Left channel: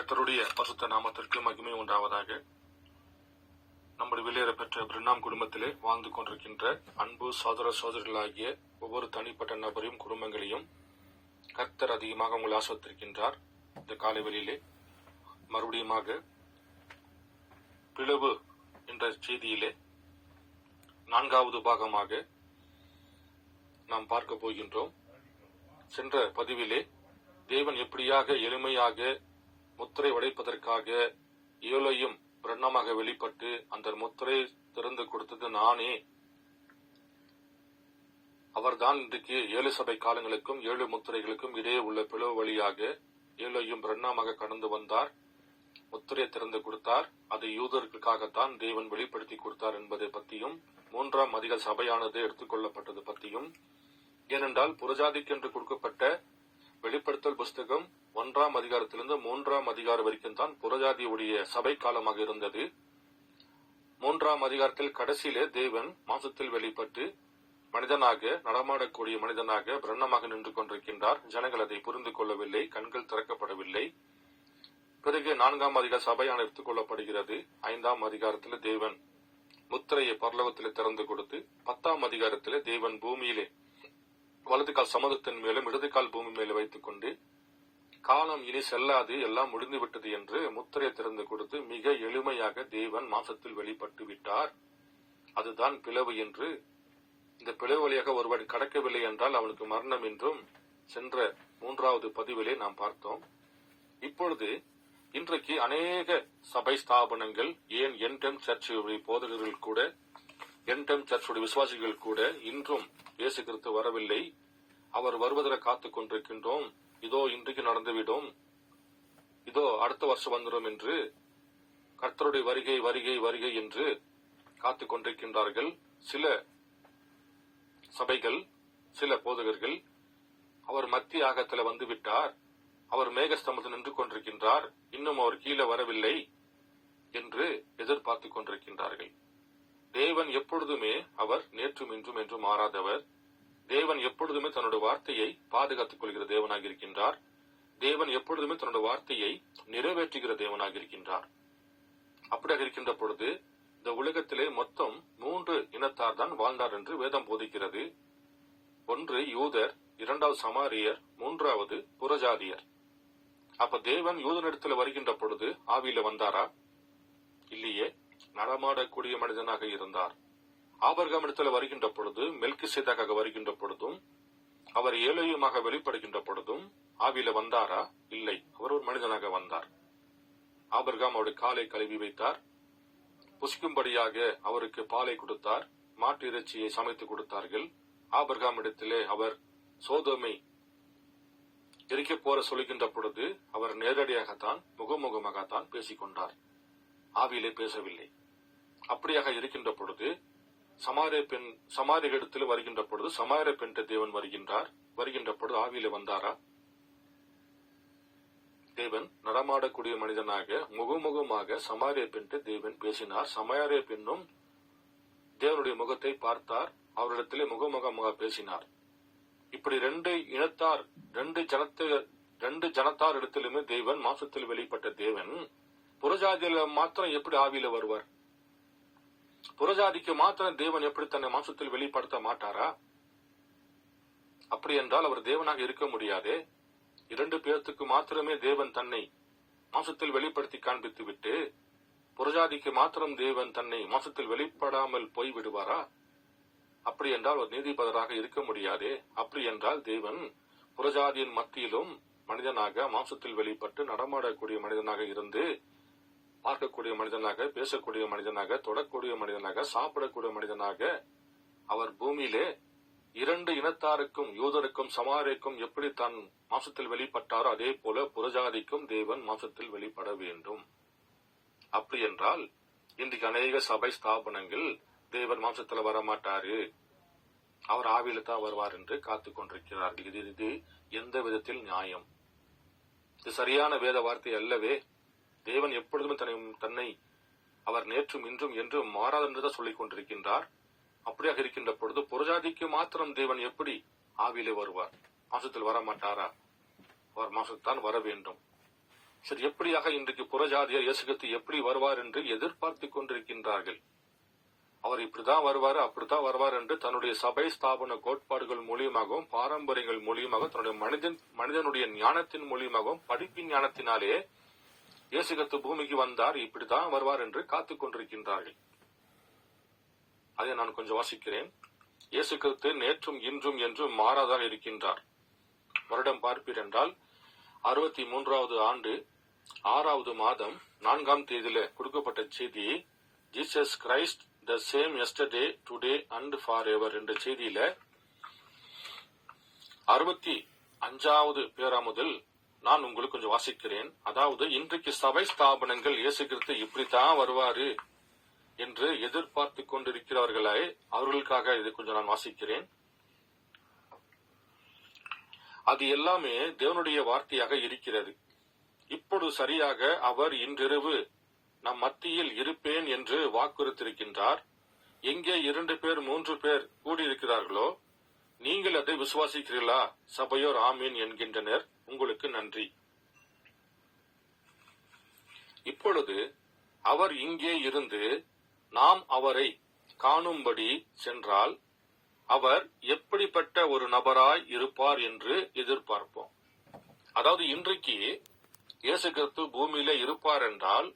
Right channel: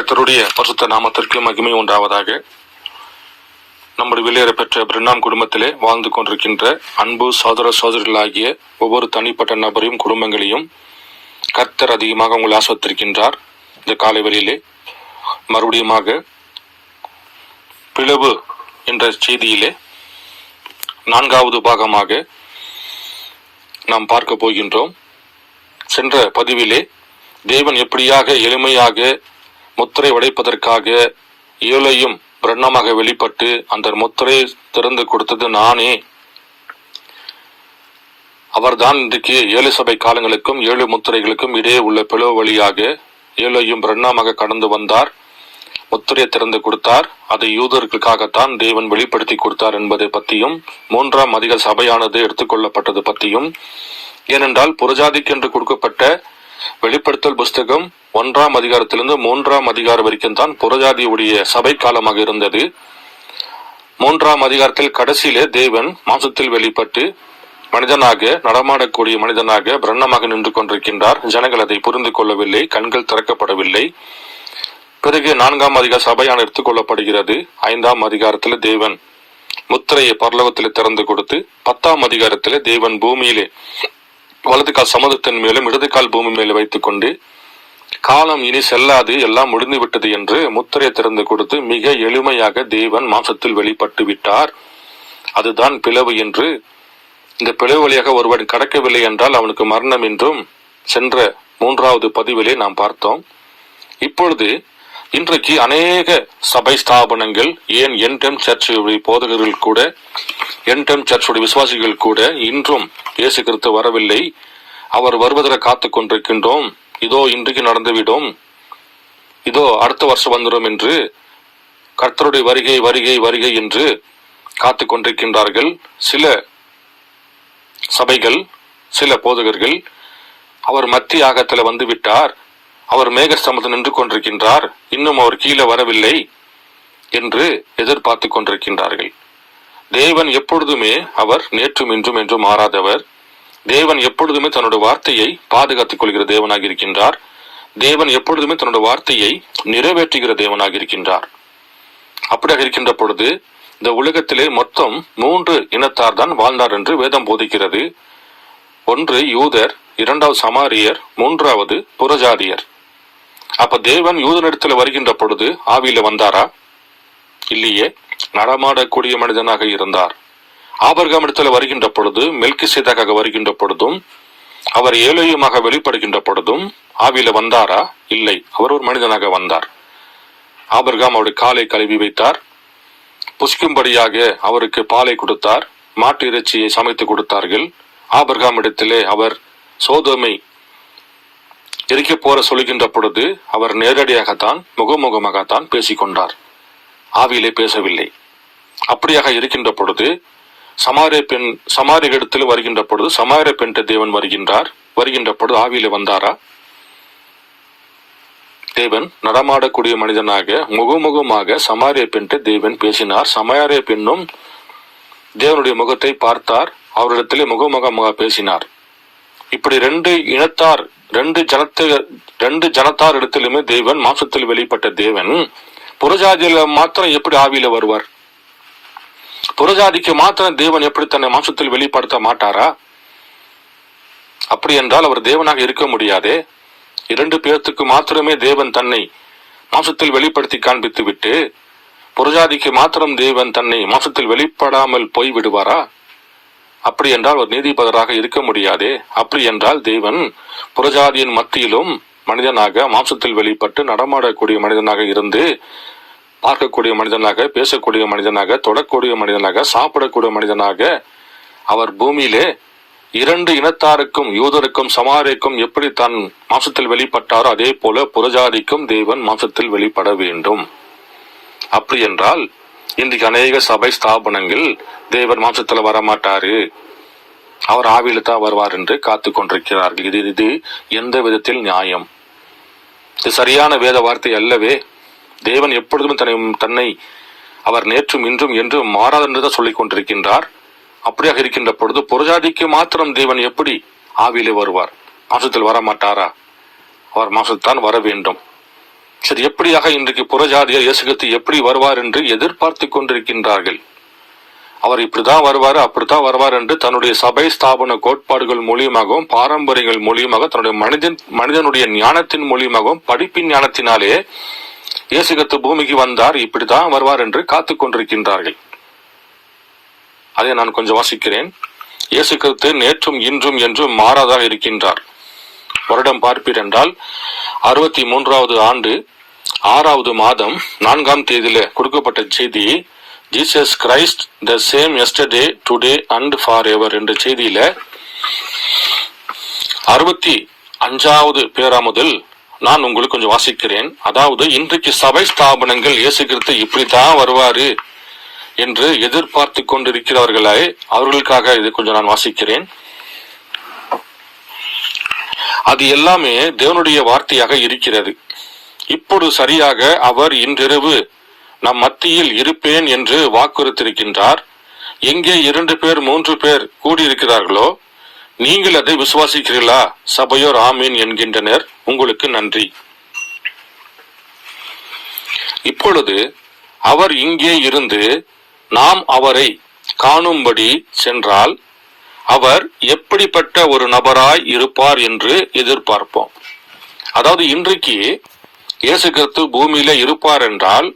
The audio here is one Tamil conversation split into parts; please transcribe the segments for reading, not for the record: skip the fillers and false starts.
கர்த்தருடைய பரிசுத்த நாமத்திற்கு மகிமை உண்டாவதாக. நம்முடைய வெளியேற பெற்ற பிரின்னாம் குடும்பத்திலே வாழ்ந்து கொண்டிருக்கின்ற அன்பு சகோதர சகோதரிகளாகிய ஒவ்வொரு தனிப்பட்ட நபரையும் குடும்பங்களையும் கர்த்தர் அதிகமாக உங்களை ஆஸ்வதித்திருக்கின்றார். இந்த காலை வேளையிலே மறுபடியுமாக பிளவு என்ற செய்தியிலே 4வது பாகமாக நாம் பார்க்க போகின்றோம். சென்ற பதிவிலே தேவன் எப்படியாக எளிமையாக முத்திரை உடைப்பதற்காக ஏழையும் பிரண்ணமாக வெளிப்பட்டு அந்த முத்திரை திறந்து கொடுத்தது நானே, அவர்தான் இன்றைக்கு 7 சபை காலங்களுக்கும் 7 முத்திரைகளுக்கும் இடையே உள்ள பிளவு வழியாக ஏழையும் பிரண்ணமாக கடந்து வந்தார், முத்திரையை திறந்து கொடுத்தார். அதை யூதர்களுக்காகத்தான் தேவன் வெளிப்படுத்தி கொடுத்தார் என்பதை பற்றியும் 3ஆம் அதிகார சபையானது எடுத்துக்கொள்ளப்பட்டது பற்றியும், ஏனென்றால் புறஜாதிக்கென்று கொடுக்கப்பட்ட வெளிப்படுத்தல் புஸ்தகம் 1ஆம் அதிகாரத்திலிருந்து 3ஆம் அதிகாரம் வரைக்கும் தான் புறஜாதியுடைய சபை காலமாக இருந்தது. 3ஆம் அதிகாரத்தில் கடைசியிலே தேவன் மாம்சத்தில் வெளிப்பட்டு மனிதனாக நடமாடக்கூடிய மனிதனாக பிரண்ணமாக நின்று கொண்டிருக்கின்றார். ஜனங்கள் அதை புரிந்து கொள்ளவில்லை, கண்கள் திறக்கப்படவில்லை. பிறகு 4ஆம் அதிகார சபையான எடுத்துக்கொள்ளப்படுகிறது. 5ஆம் அதிகாரத்தில் தேவன் முத்திரையை பரலோகத்தில் திறந்து கொடுத்து 10ஆம் அதிகாரத்தில் தேவன் பூமியிலே வலது கால் சமுதிரத்தின் மேலும் இடது கால் பூமி மேலே வைத்துக் கொண்டு காலம் இனி செல்லாது, எல்லாம் முடிந்து விட்டது என்று முத்திரையை திறந்து கொடுத்து மிக எளிமையாக தேவன் மாம்சத்தில் வெளிப்பட்டு விட்டார். அதுதான் பிளவு என்று. இந்த பிளவு வழியாக ஒருவன் கடக்கவில்லை என்றால் அவனுக்கு மரணம் என்றும் சென்ற 3வது பதிவிலே நாம் பார்த்தோம். இப்பொழுது இன்றைக்கு அநேக சபை ஸ்தாபனங்கள், ஏன் என்டம் சர்ச்சுடைய போதகர்கள் கூட, என்டம் சர்ச்சுடைய விசுவாசிகள் கூட இன்றும் இயேசு கிறிஸ்து வரவில்லை, அவர் வருவதற்கு காத்து கொண்டிருக்கின்றோம், இதோ இன்றைக்கு நடந்துவிடும், இதோ அடுத்த வருஷம் வந்துடும் என்று கர்த்தருடைய வருகை வருகை வருகை என்று காத்து கொண்டிருக்கின்றார்கள். சில சபைகள், சில போதகர்கள் அவர் மத்திய ஆகத்தில் வந்து விட்டார், அவர் மேகஸ்தம்பத்தில் நின்று கொண்டிருக்கின்றார், இன்னும் அவர் கீழே வரவில்லை என்று எதிர்பார்த்து கொண்டிருக்கின்றார்கள். தேவன் எப்பொழுதுமே அவர் நேற்றும் இன்றும் என்றும் மாறாதவர். தேவன் எப்பொழுதுமே தன்னுடைய வார்த்தையை பாதுகாத்துக் கொள்கிற தேவனாக இருக்கின்றார். தேவன் எப்பொழுதுமே தன்னுடைய வார்த்தையை நிறைவேற்றுகிற தேவனாக இருக்கின்றார். அப்படியாக இருக்கின்ற பொழுது இந்த உலகத்திலே மொத்தம் 3 இனத்தார் தான் வாழ்ந்தார் என்று வேதம் போதிக்கிறது. 1 யூதர், 2வது சமாரியர், 3வது புறஜாதியர். அப்ப தேவன் யூதனிடத்துல வருகின்ற பொழுது ஆவியில வந்தாரா? இல்லையே, நடமாடக்கூடிய மனிதனாக இருந்தார். ஆபிரகாம் இடத்துல வருகின்ற பொழுது, மெல்கிசேதேக்காக வருகின்ற பொழுதும், அவர் ஏலேயுமாக வெளிப்படுகின்ற பொழுதும் ஆவியில வந்தாரா? இல்லை, அவர் ஒரு மனிதனாக வந்தார். ஆபிரகாம் அவருடைய காலை கழுவி வைத்தார், புசிக்கும்படியாக அவருக்கு பாலை கொடுத்தார், மாட்டு இறைச்சியை சமைத்து கொடுத்தார்கள். ஆபிரகாம் இடத்திலே அவர் சோதோமை எரிக்க போற சொல்கின்ற பொழுது அவர் நேரடியாகத்தான் முகமுகமாகத்தான் பேசிக்கொண்டார், ஆவியிலே பேசவில்லை. அப்படியாக இருக்கின்ற பொழுது சமாரிய இடத்தில் வருகின்ற பொழுது சமாரிய பெண்ட தேவன் வருகின்ற பொழுது ஆவியிலே வந்தாரா? தேவன் நடமாடக்கூடிய மனிதனாக முகமுகமாக சமாரிய பெண்ட தேவன் பேசினார். சமாரிய பெண்ணும் தேவனுடைய முகத்தை பார்த்தார், அவரிடத்திலே முகமுகமாக பேசினார். இப்படி 2 இனத்தார், 2 ஜனத்தார் இடத்திலுமே தேவன் மாம்சத்தில் வெளிப்பட்ட தேவன் புறஜாதியில மாத்திரம் எப்படி ஆவியில வருவார்? புறஜாதிக்கு மாத்திரம் தேவன் எப்படி தன்னை மாம்சத்தில் வெளிப்படுத்த மாட்டாரா? அப்படி என்றால் அவர் தேவனாக இருக்க முடியாதே. 2 பேர்த்துக்கு மாத்திரமே தேவன் தன்னை மாம்சத்தில் வெளிப்படுத்தி காண்பித்து விட்டு புறஜாதிக்கு மாத்திரம் தேவன் தன்னை மாம்சத்தில் வெளிப்படாமல் போய் விடுவாரா? அப்படி என்றால் ஒரு நீதிபதியாக இருக்க முடியாதே. அப்படி என்றால் தேவன் புறஜாதியின் மத்தியிலும் மனிதனாக மாம்சத்தில் வெளிப்பட்டு நடமாடக்கூடிய மனிதனாக இருந்து, பார்க்கக்கூடிய மனிதனாக, பேசக்கூடிய மனிதனாக, தொடக்கூடிய மனிதனாக, சாப்பிடக்கூடிய மனிதனாக அவர் பூமியிலே 2 இனத்தாருக்கும், யூதருக்கும் சமாரியக்கும் எப்படி தான் மாம்சத்தில் வெளிப்பட்டாரோ அதே போல புறஜாதிக்கும் தேவன் மாம்சத்தில் வெளிப்பட வேண்டும். அப்படி என்றால் இன்றைக்கு அநேக சபை ஸ்தாபனங்கள் தேவன் மாம்சத்துல வரமாட்டாரு, அவர் ஆவியில தான் வருவார் என்று காத்து கொண்டிருக்கிறார்கள். இது எந்த விதத்தில் நியாயம்? இது சரியான வேத வார்த்தை அல்லவே. தேவன் எப்பொழுதும் தன்னை அவர் நேற்றும் இன்றும் என்றும் மாறாது என்றுதான் சொல்லிக் கொண்டிருக்கின்றார். அப்படியாக இருக்கின்ற பொழுது புறஜாதிக்கு மாத்திரம் தேவன் எப்படி ஆவியிலே வருவார்? மாம்சத்தில் வரமாட்டாரா? அவர் மாம்சத்தான் வர வேண்டும். சரி, எப்படியாக இன்றைக்கு புறஜாதியர் இயேசு கிறிஸ்து எப்படி வருவார் என்று எதிர்பார்த்து கொண்டிருக்கின்றார்கள். அவர் இப்படிதான் வருவார், அப்படித்தான் வருவார் என்று தன்னுடைய சபை ஸ்தாபன கோட்பாடுகள் மூலியமாகவும் பாரம்பரியங்கள் மூலியமாக தன்னுடைய மனிதனுடைய ஞானத்தின் மூலியமாகவும் படிப்பின் ஞானத்தினாலே இயேசு கிறிஸ்து பூமிக்கு வந்தார், இப்படித்தான் வருவார் என்று காத்து கொண்டிருக்கின்றார்கள். அதை நான் கொஞ்சம் வாசிக்கிறேன். இயேசு கிறிஸ்து நேற்றும் இன்றும் என்றும் மாறாதாக இருக்கின்றார். வருடம் பார்ப்பீர் என்றால் 63வது ஆண்டு 6வது மாதம் 4ஆம் தேதியில கொடுக்கப்பட்ட செய்தி, Jesus Christ the same yesterday today and for ever என்ற செய்தியில 65வது பேரா முதல் நான் உங்களுக்கு கொஞ்சம் வாசிக்கிறேன். அதாவது இன்றைக்கு சபை ஸ்தாபனங்கள் இயேசு கிறிஸ்து இப்படித்தான் வருவாரு என்று எதிர்பார்த்து கொண்டிருக்கிறவர்களே, அவர்களுக்காக இது கொஞ்சம் நான் வாசிக்கிறேன். அது எல்லாமே தேவனுடைய வார்த்தையாக இருக்கிறது. இப்போது சரியாக அவர் இன்றிரவு நம் மத்தியில் இருப்பேன் என்று வாக்குறுத்திருக்கின்றார். எங்கே 2 பேர் 3 பேர் கூடியிருக்கிறார்களோ நீங்கள் அதை விசுவாசிக்கிறீர்களா? சபையோர் ஆமீன் என்கின்றனர். உங்களுக்கு நன்றி. இப்பொழுது அவர் இங்கே இருந்து நாம் அவரை காணும்படி சென்றால் அவர் எப்படிப்பட்ட ஒரு நபராய் இருப்பார் என்று எதிர்பார்ப்போம். அதாவது இன்றைக்கு இயேசு கிறிஸ்து பூமியில இருப்பார் என்றால்,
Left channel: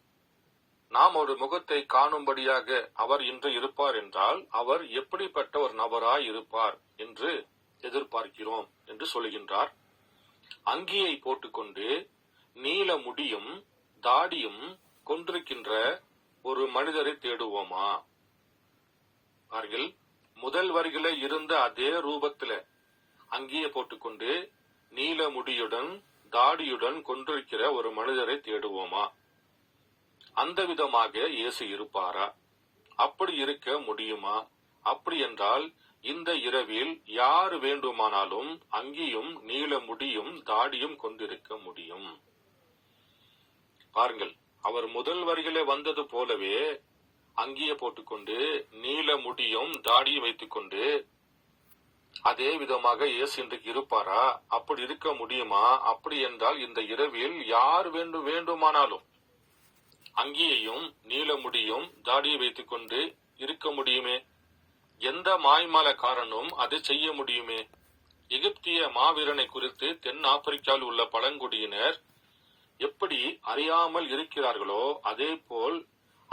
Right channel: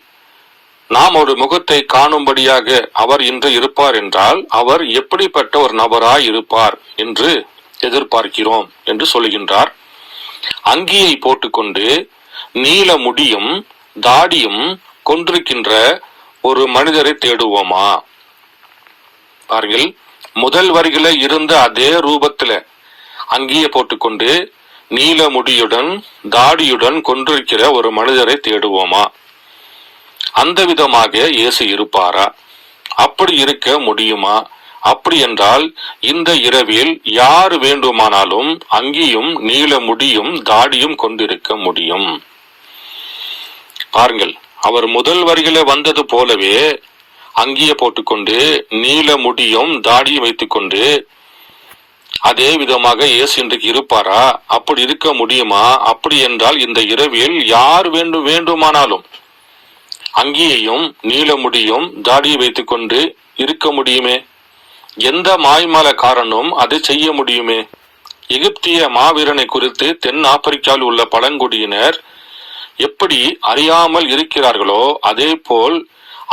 நாம் ஒரு முகத்தை காணும்படியாக அவர் இன்று இருப்பார் என்றால் அவர் எப்படிப்பட்ட ஒரு நபராய் இருப்பார் என்று எதிர்பார்க்கிறோம் என்று சொல்லுகின்றார். அங்கியை போட்டுக்கொண்டு நீல முடியும் தாடியும் கொண்டிருக்கின்ற ஒரு மனிதரை தேடுவோமா? பாருங்கள், முதல் வரியில இருந்த அதே ரூபத்துல அங்கியை போட்டுக்கொண்டு நீல முடியுடன் தாடியுடன் கொண்டிருக்கிற ஒரு மனிதரை தேடுவோமா? அந்த விதமாக இயேசு இருப்பாரா? அப்படி இருக்க முடியுமா? அப்படி என்றால் இந்த இரவில் யார் வேண்டுமானாலும் அங்கியும் நீல முடியும் தாடியும் கொண்டிருக்க முடியும். பாருங்கள், அவர் முதல் வரியில வந்தது போலவே அங்கியை போட்டுக்கொண்டு நீல முடியும் தாடியும் வைத்துக்கொண்டு அதே விதமாக இயேசு இன்றைக்கு இருப்பாரா? அப்படி இருக்க முடியுமா? அப்படி என்றால் இந்த இரவில் யார் வேண்டுமானாலும் அங்கியையும் நீல முடியும் தாடியை வைத்துக்கொண்டு இருக்க முடியுமே. எந்த மாய்மாலக்காரனும் அதை செய்ய முடியுமே. எகிப்திய மாவீரனை குறித்து தென் ஆப்பிரிக்காவில் உள்ள பழங்குடியினர் எப்படி அறியாமல் இருக்கிறார்களோ அதே போல்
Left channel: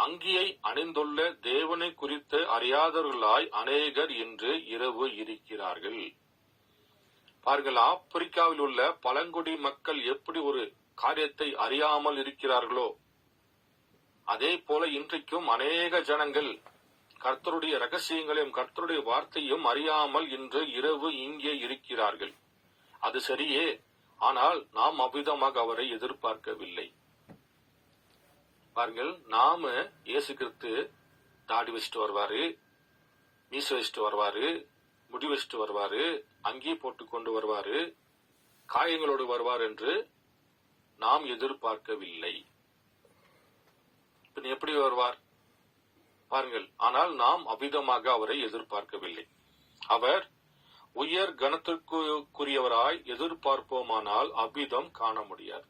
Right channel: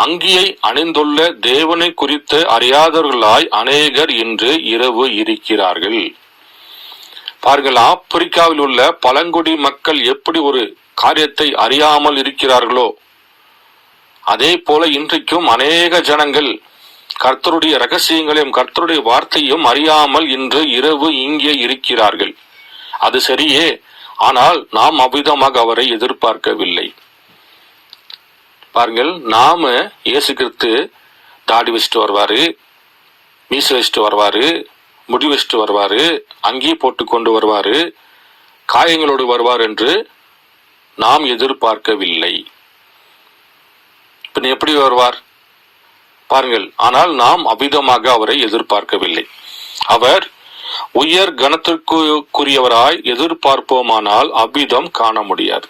அங்கியை அணிந்துள்ள தேவனை குறித்து அறியாதவர்களாய் அநேகர் இன்று இரவு இருக்கிறார்கள். பாருங்கள், ஆப்பிரிக்காவில் உள்ள பழங்குடி மக்கள் எப்படி ஒரு காரியத்தை அறியாமல் இருக்கிறார்களோ அதே போல இன்றைக்கும் அநேக ஜனங்கள் கர்த்தருடைய ரகசியங்களையும் கர்த்தருடைய வார்த்தையும் அறியாமல் இன்று இரவு இங்கே இருக்கிறார்கள். அது சரியே, ஆனால் நாம் அவ்விதமாக அவரை எதிர்பார்க்கவில்லை. பாருங்கள், நாம இயேசு கிறிஸ்து தாடி வச்சுட்டு வருவாரு, மீசை வச்சுட்டு வருவாரு, முடி வச்சுட்டு வருவாரு, அங்கேயே போட்டு கொண்டு வருவாரு, காயங்களோடு வருவார் என்று நாம் எதிர்பார்க்கவில்லை. பின் எப்படி வருவார் பாருங்கள். ஆனால் நாம் அவ்விதமாக அவரை எதிர்பார்க்கவில்லை. அவர் உயர் கணத்திற்குரியவராய் எதிர்பார்ப்போமானால் அவ்விதம் காண முடியாது.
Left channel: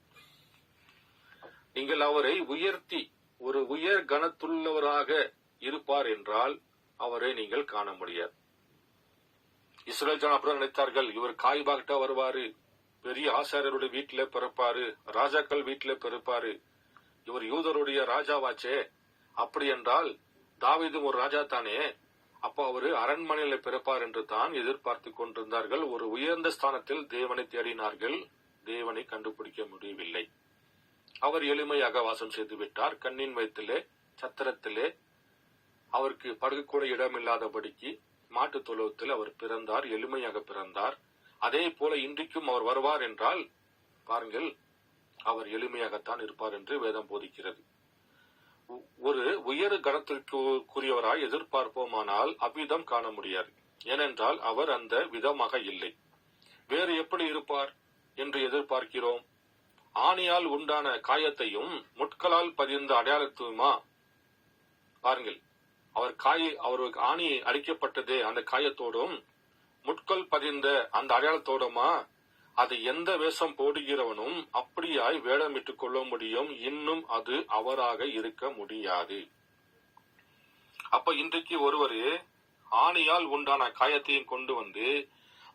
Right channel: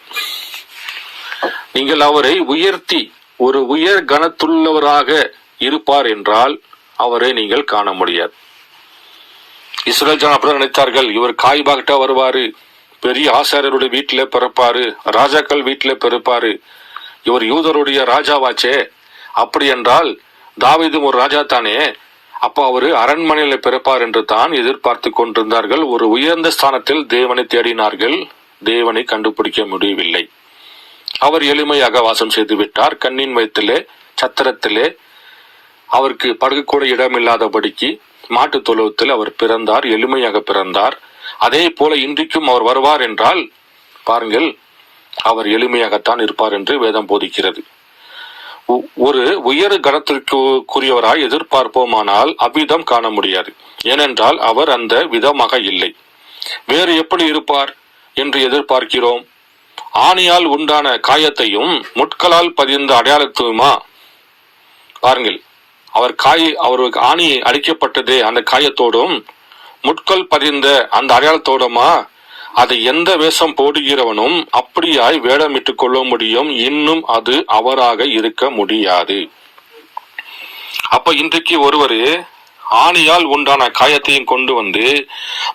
நீங்கள் அவரை உயர்த்தி ஒரு உயர் கணத்துள்ளவராக இருப்பார் என்றால் அவரை நீங்கள் காண முடியாது. இஸ்ரேல் ஜனம் அப்படிதான் நினைத்தார்கள். இவர் காய்பாகிட்டா வருவாரு, பெரிய ஆசாரியருடைய வீட்டில பிறப்பாரு, ராஜாக்கள் வீட்டில பிறப்பாரு, இவர் யூதருடைய ராஜாவாச்சே, அப்படி என்றால் தாவீதும் ஒரு ராஜா தானே, அப்போ அவரு அரண்மனையில பிறப்பார் என்று தான் எதிர்பார்த்து கொண்டிருந்தார்கள். ஒரு உயர்ந்த ஸ்தானத்தில் தேவனை தேடினார்கள். தேவனை கண்டுபிடிக்க முடியவில்லை. அவர் எளிமையாக வாசம் செய்து விட்டார். கண்ணின் வயிற்றிலே சத்திரத்திலே அவருக்கு படுக்கக்கூட இடமில்லாதபடிக்கு மாட்டு தொழுவத்தில் அவர் பிறந்தார், எளிமையாக பிறந்தார். அதே போல இன்றைக்கும் அவர் வருவார் என்றால் பாருங்கள், அவர் எளிமையாகத்தான் இருப்பார் என்று வேதம் போதிக்கிறது. ஒரு உயர் கணத்திற்குரியவராய் எதிர்பார்ப்போமானால் அவ்விதம் காண முடியாது. ஏனென்றால் அவர் அந்த விதமாக இல்லை. வேறு எப்படி இருப்பார் என்று எதிர்பார்க்கிறோம்? ஆணியால் உண்டான காயத்தையும் முட்களால் பதிந்த அடையாளத்தையுமா? பாருங்கள், அவருக்கு ஆணி அடிக்கப்பட்டதே அந்த காயத்தோடும் முட்கள் பதிந்த அந்த அடையாளத்தோடுமா அதை எந்த வேஷம் போடுகிறவனும் அப்படியாய் வேடமிட்டுக் கொள்ள முடியும், இன்னும் அது அவராக இருக்க முடியாது. அப்ப இன்றைக்கு ஒருவர் ஆணியால் உண்டான காயத்தையும் கொண்டு வந்து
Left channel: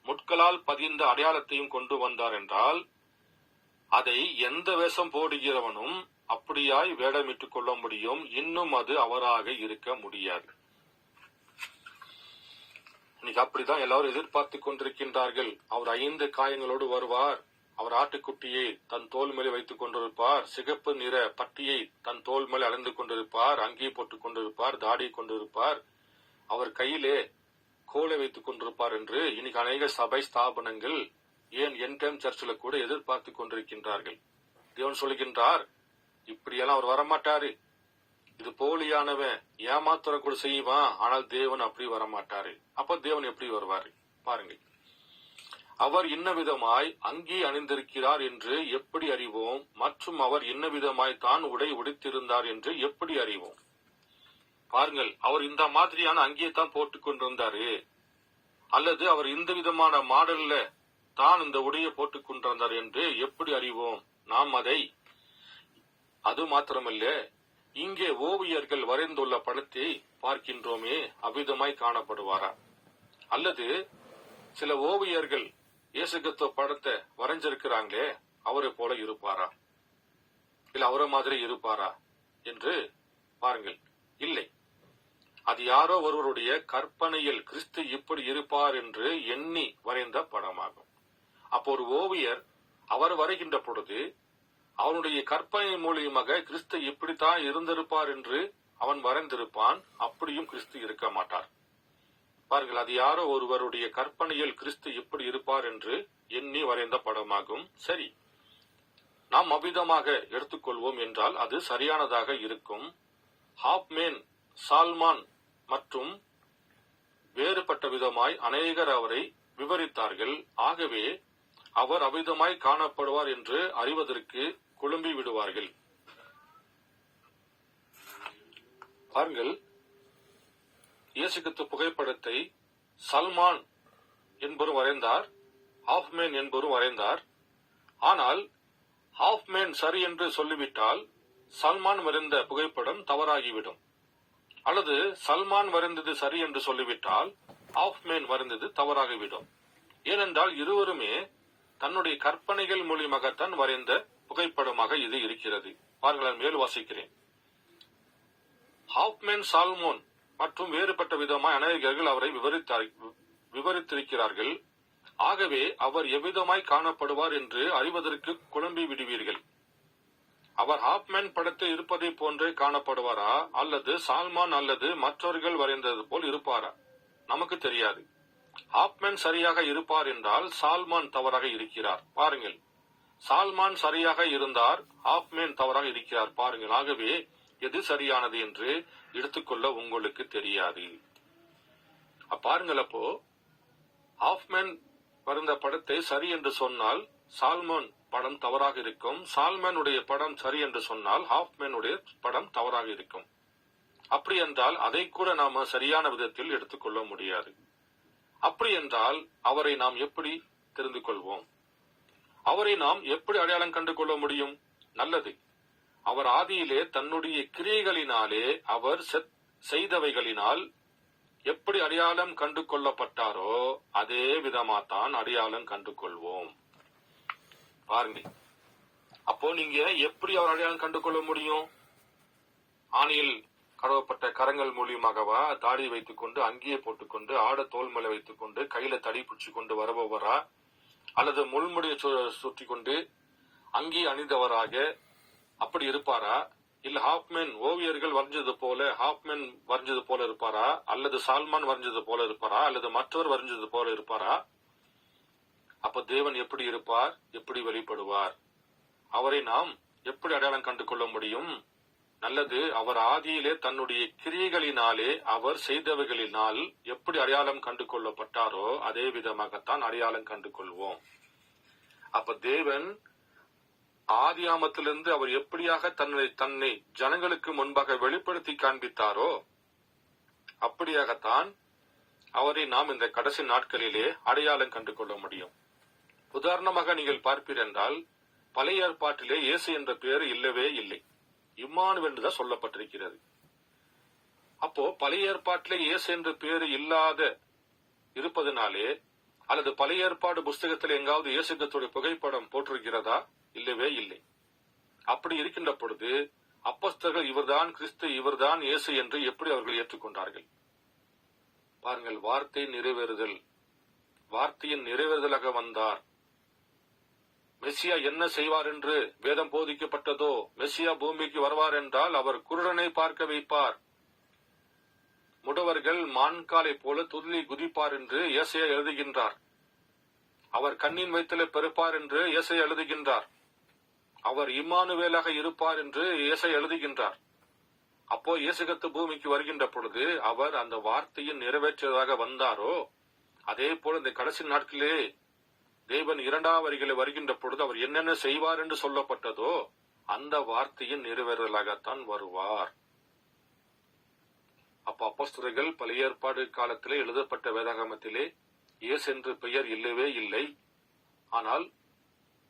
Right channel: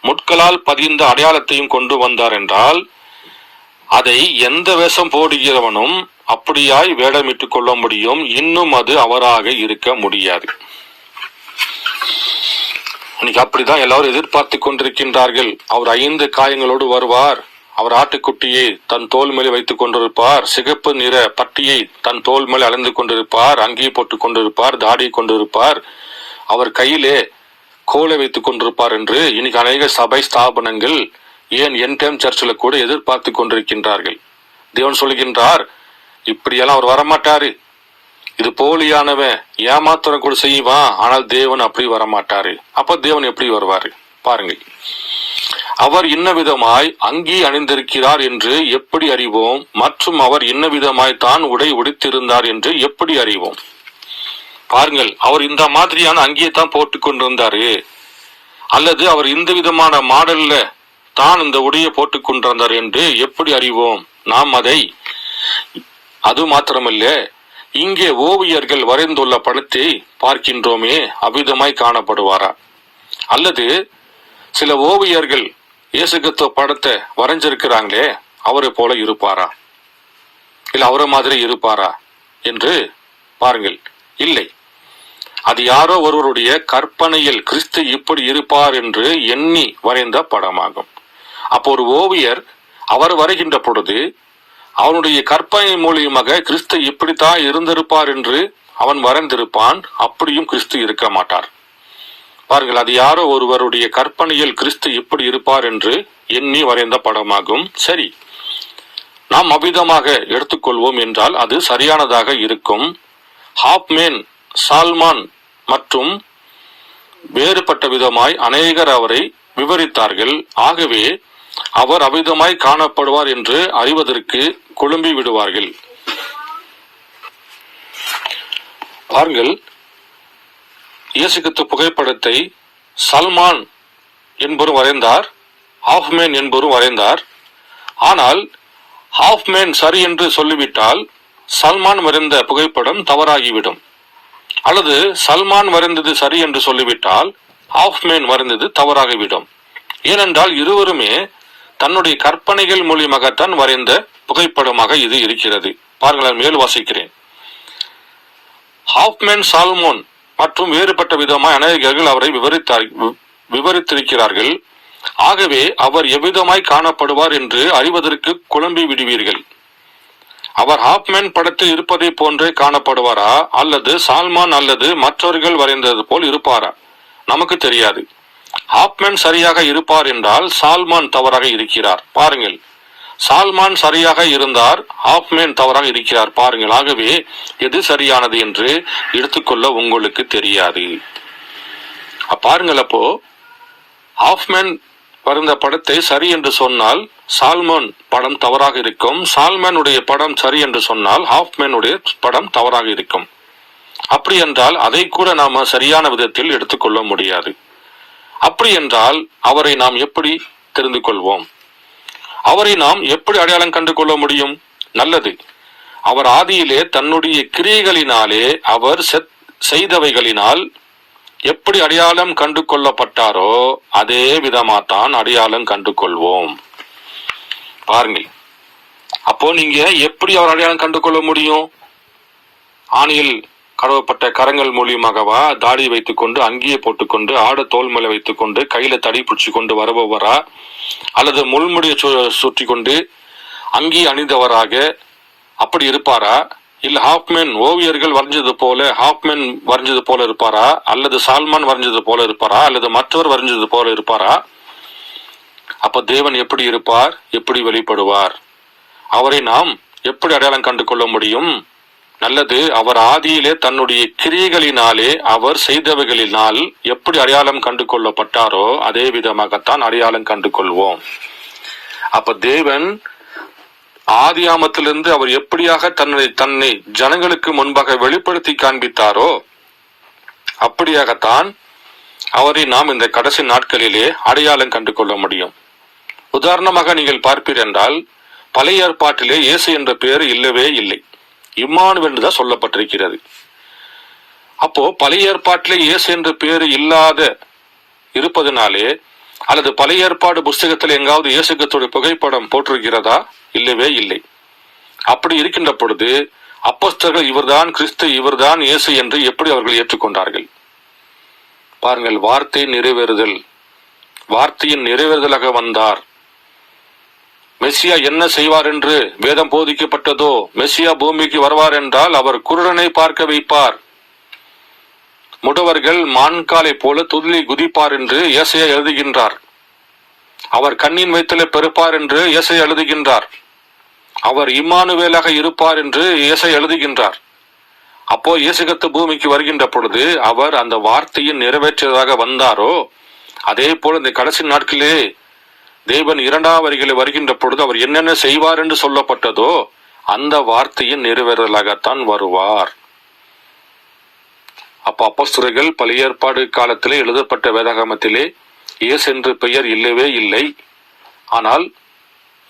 முட்களால் பதிந்த அடையாளத்தையும் கொண்டு வந்தார் என்றால், அதை எந்த வேஷம் போடுகிறவனும் அப்படியாய் வேடமிட்டுக் கொள்ள முடியும், இன்னும் அது அவராக இருக்க முடியாது. இன்னைக்கு அப்படிதான் எல்லாரும் எதிர்பார்த்து கொண்டிருக்கின்றார்கள். அவர் 5 காயங்களோடு வருவார், அவர் ஆட்டுக்குட்டியை தன் தோல் மேலே வைத்துக் கொண்டிருப்பார், சிகப்பு நிற பட்டியை தன் தோல் மேலே அலைந்து கொண்டிருப்பார், அங்கேயே போட்டுக் கொண்டிருப்பார், தாடியை கொண்டிருப்பார், அவர் கையிலே கோலை வைத்துக் கொண்டிருப்பார் என்று இன்னைக்கு அநேக சபை ஸ்தாபனங்கள், ஏன் என் டைம் சர்ச்சில் கூட எதிர்பார்த்து கொண்டிருக்கின்றார்கள். தேவன் சொல்கின்றார், இப்படியெல்லாம் அவர் வரமாட்டாரு, இது போலியானவன், ஏமாத்திரம் கூட செய்வான், ஆனால் தேவன் அப்படி வரமாட்டாரு. அப்ப தேவன் எப்படி வருவாரு பாருங்கள். அவர் இன்ன விதமாய் அங்கி அணிந்திருக்கிறார் என்று எப்படி அறிவோம், மற்றும் அவர் இன்ன விதமாய் தான் உடை உடுத்திருந்தார் என்று எப்படி அறிவோம்? பாருங்கள், அவர் இந்த மாதிரியான அங்கியை தான் போட்டு கொண்டிருந்தாரு, அல்லது அவர் இந்த விதமான மாடல்ல தான் இந்த உடையை போட்டுக் கொண்டிருந்தார் என்று எப்படி அறிவோம்? நாம் அதை, அது மாத்திரமல்ல, இங்கே ஓவியர்கள் வரைந்துள்ள படத்தை பார்க்கின்றோமே, அவ்விதமாய் காணப்படுவாரா? அல்லது சில ஓவியர்கள் இயேசு கிறிஸ்து படத்தை வரைஞ்சிருக்கிறாங்களே, அவரை போல இருப்பாரா, இல்ல அவரை மாதிரி இருப்பாரா என்று பாருங்கள். இல்லை, அது யாரோ ஒருவருடைய கற்பனையில் கிறிஸ்து இப்படி இருப்பார் என்று எண்ணி வரைந்த படமாகும். அப்போ ஒரு ஓவியர் அவர் வரைகின்ற பொழுது அவனுடைய கற்பனை மூலியமாக கிறிஸ்து இப்படித்தான் இருந்திருப்பார் என்று அவன் வரைந்திருப்பான், அப்படியும் கிறிஸ்து இருக்க மாட்டார். பாருங்கள், அது யாரோ ஒருவருடைய கற்பனையில் கிறிஸ்து இப்படி இருப்பார் என்று எண்ணி வரைந்த படமாகும். சரி, நாம் அவ்விதமாக எடுத்துக்கொள்வோம் என்றால் அது சரியானதாக இருக்கும். ஹாப்மேன், சால்மான் மற்றும் வேறுபட்ட விதமாய் அநேகர் அவரை விவரித்தார்கள். ஆகவே அவர் அவ்விதமாய் காணப்படுவார் என்று அறிவதற்கு குழம்பி விடுவார்கள். பாருங்கள், இயேசு கிறிஸ்து புகைப்படத்தை சல்மான் என்பவரும் வரைந்தார், ஹாஃப்மேன் என்பவரும் வரைந்தார். ஆனால் ஹாஃப்மேன் சரி என்று சொல்லிவிட்டால் சல்மான் வரைந்த புகைப்படம் தவறாகிவிடும், அல்லது சல்மான் வரைந்தது சரி என்று சொல்லிவிட்டால் ஹாஃப்மேன் வரைந்தது தவறாகிவிடும். ஏனென்றால் இருவருமே தன்னுடைய கற்பனைகள் மூலியமாகத்தான் வரைந்த புகைப்படமாக இது இருக்கிறது. பாருங்கள், மேல் வாசிக்கிறேன். ஹாஃப்மேன், சால்மோன் மற்றும் வேறுபட்ட விதமாய் அநேகர்கள் அவரை விவரித்திருக்கிறார்கள். ஆகவே அவர் எவ்விதமாய் காணப்படுவார் என்று அறிவதற்கு குழம்பி விடுவீர்கள். அவர் ஹாஃப்மேன் படத்தில் இருப்பதை போன்றே காணப்படுவாரா, அல்லது சால்மான் அல்லது மற்றவர்கள் வரைந்தது போல் இருப்பாரா? நமக்கு தெரியாது. ஹாஃப்மேன் சரியாக இருப்பார் என்றால் சால்மான் தவறாக இருக்கிறார். பாருங்கள், சால்மான் சரியாக இருந்தார், ஹாஃப்மேன் தவறாக இருக்கிறார். பாருங்கள், ஆகவே எது சரியானது என்று எடுத்துக்கொள்ள உங்களுக்கு தெரியாது. பாருங்கள், அப்போ ஹாஃப்மேன் வரைந்த படத்தை சரி என்று சொன்னால் சால்மோன் படம் தவறாக இருக்கும், சால்மேனுடைய படம் சரி என்று சொன்னால் ஹாஃப்மேனுடைய படம் தவறாக இருக்கும். அப்படி என்றால் அதை கூட நாம சரியான விதத்தில் எடுத்துக்கொள்ள முடியாது. அப்படி என்றால் அவரை நாம் எப்படி தெரிந்து கொள்வோம்? அவரை நாம் எப்படி அடையாளம் கண்டு கொள்ள முடியும்? நல்லது, அவர் ஆதியிலே தன்னுடைய கிரியைகளினாலே அவர் செய்தவைகளினால் எப்படி அடையாளம் கண்டு கொள்ளப்பட்டாரோ அதே விதமாத்தான் அடையாளம் கண்டு கொள்வோம். பாருங்கள், அப்போ நீங்க எப்படி அவர் அடையாளம் கண்டு கொள்ள முடியும்? ஆணியில் கடவப்பட்ட கரங்கள் மூலியமாகவா, தாடி வைத்துக் கொண்டு, அங்கியை போட்டுக்கொண்டு, ஆட தோல் மேல வைத்துக் கொண்டு, கையில தடி பிடிச்சு கொண்டு வருபவரா, அல்லது முள்முடியை சுற்றி கொண்டு அங்கி அணிந்தவராக அப்படி இருப்பாரா? இல்ல ஹாஃப்மேன் ஓவியர்கள் வரைஞ்சது போல ஹாஃப்மேன் வரைஞ்சது போல இருப்பாரா, அல்லது சால்மான் வரைஞ்சது போல இருப்பாரா, அல்லது மற்றவர் வரைஞ்சது போல இருப்பாரா? அப்ப தேவன் எப்படி இருப்பார், எப்படி வெளிப்படுவார்? அவரை நாம் எப்படி அடையாளம் கண்டு கொள்ள முடியும்? நல்லது, அவர் ஆதியிலே தன்னுடைய கிரியைகளினாலே அவர் செய்தவைகளினால் எப்படி அடையாளம் கண்டு கொள்ளப்பட்டாரோ அதே விதமாகத்தான் அடையாளம் கண்டு கொள்வோம். அப்ப தேவன் ஆதியாமத்திலிருந்து அவர் எப்படியாக தன்னை ஜனங்களுக்கு முன்பாக வெளிப்படுத்தி காண்பித்தாரோ அப்படியாகத்தான் அவரை நாம் இந்த கடைசி நாட்களிலே அடையாளம் கண்டு கொள்ள முடியும். உதாரணமாக நீங்கள் பார்ப்பீர் என்றால் பழைய ஏற்பாட்டிலே இயேசு என்ற பெயர் இல்லவே இல்லை, இம்மானுவேல் என்றுதான் சொல்லப்பட்டிருக்கிறது. அப்போ பழைய ஏற்பாட்டிலே இயேசு என்ற பெயர் இல்லாத இருப்பதனாலே, அல்லது பழைய ஏற்பாடு புஸ்தகத்தில் எங்காவது இயேசு கிறிஸ்துவின் புகைப்படம் போட்டிருக்கிறதா? இல்லவே இல்லை. அப்படி இருக்கின்ற பொழுது அப்போஸ்தலர்கள் இவர்தான் கிறிஸ்து, இவர்தான் இயேசு என்று எப்படி அவர்கள் ஏற்றுக்கொண்டார்கள்? பாருங்கள், வார்த்தை நிறைவேறுதல், வார்த்தையின் நிறைவேறுதலாக வந்தார். மெஸ்ஸியா என்ன செய்வார் என்று வேதம் போதிக்கப்பட்டதோ, மெஸ்ஸியா பூமிக்கு வருவார் என்றால் அவர் குருடனை பார்க்க வைப்பார், முடவர்கள் மான்காலை போல துள்ளி குதிப்பார் என்று ஏசாயா எழுதுகின்றார். அவர் கண்ணின் வயிற்றிலே பெருப்பார் என்று ஏசாயா எழுதுகின்றார். அவர் இம்மானுவேலாக இருப்பார் என்று ஏசாயா எழுதுகின்றார். அப்போ இயேசு கிறிஸ்து பூமிக்கு வருகின்ற பொழுது அவர் அந்த வார்த்தையின் நிறைவேற்றதாக வந்தாரோ, அதே போல இந்த கடைசி நாட்களிலே தேவன் இரண்டாம் வரிகளை வருகின்ற பொழுது அவர் என்னென்ன செய்வார் என்று சொல்லப்பட்டதோ அந்த வார்த்தையின் நிறைவேறலாகத்தான் வருவார். அப்ப அப்போஸ்தலர்கள் பழைய ஏற்பாடு காலத்திலே எழுதப்பட்ட வேதாகமத்திலே இயேசு என்று பெயர் இல்லவே இல்லை. ஆனால்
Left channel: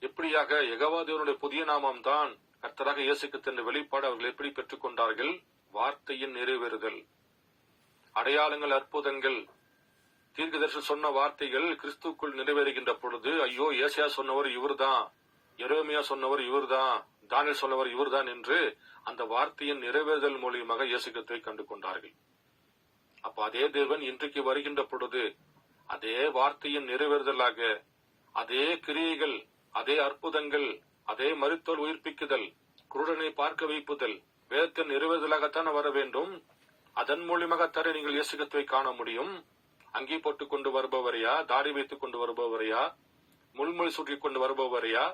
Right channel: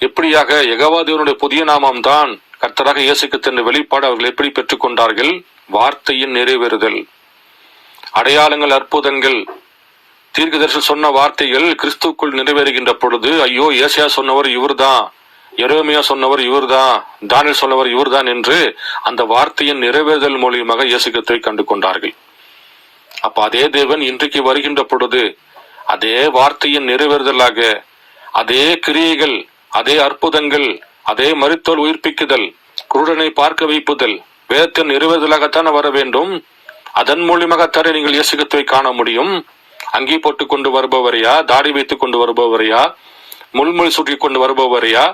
எப்படியாக யெகோவா தேவனுடைய புதிய நாமம் தான் கர்த்தராக இயேசு கிறிஸ்து என்ற வெளிப்பாடு அவர்கள் எப்படி பெற்றுக் கொண்டார்கள்? வார்த்தையின் நிறைவேறுதல், அடையாளங்கள், அற்புதங்கள், தீர்க்கதரிசனம் சொன்ன வார்த்தைகள் கிறிஸ்துக்குள் நிறைவேறுகின்ற பொழுது, ஐயோ ஏசாயா சொன்னவர் இவர்தான், எரேமியா சொன்னவர் இவர்தான், தானியேல் சொன்னவர் இவர்தான் என்று அந்த வார்த்தையின் நிறைவேறுதல் மூலியமாக இயேசு கிறிஸ்துவை கண்டு கொண்டார்கள். அப்ப அதே தேவன் இன்றைக்கு வருகின்ற பொழுது அதே வார்த்தையின் நிறைவேறுதலாக, அதே கிரியைகள், அதே அற்புதங்கள், அதே மரித்தோர் உயிர்ப்பிக்குதல், குருடனை பார்க்க வைப்புதல், வேதத்தின் நிறைவேறுதலாகத்தான் வர வேண்டும். அதன் மூலியமாகத்தானே நீங்கள் இயேசு கிறிஸ்துவை காண முடியும். அங்கி போட்டு கொண்டு வருபவரையா, தாடி வைத்துக் கொண்டு வருபவரையா, முள்முள் சுற்றி கொண்டு வருபவரையா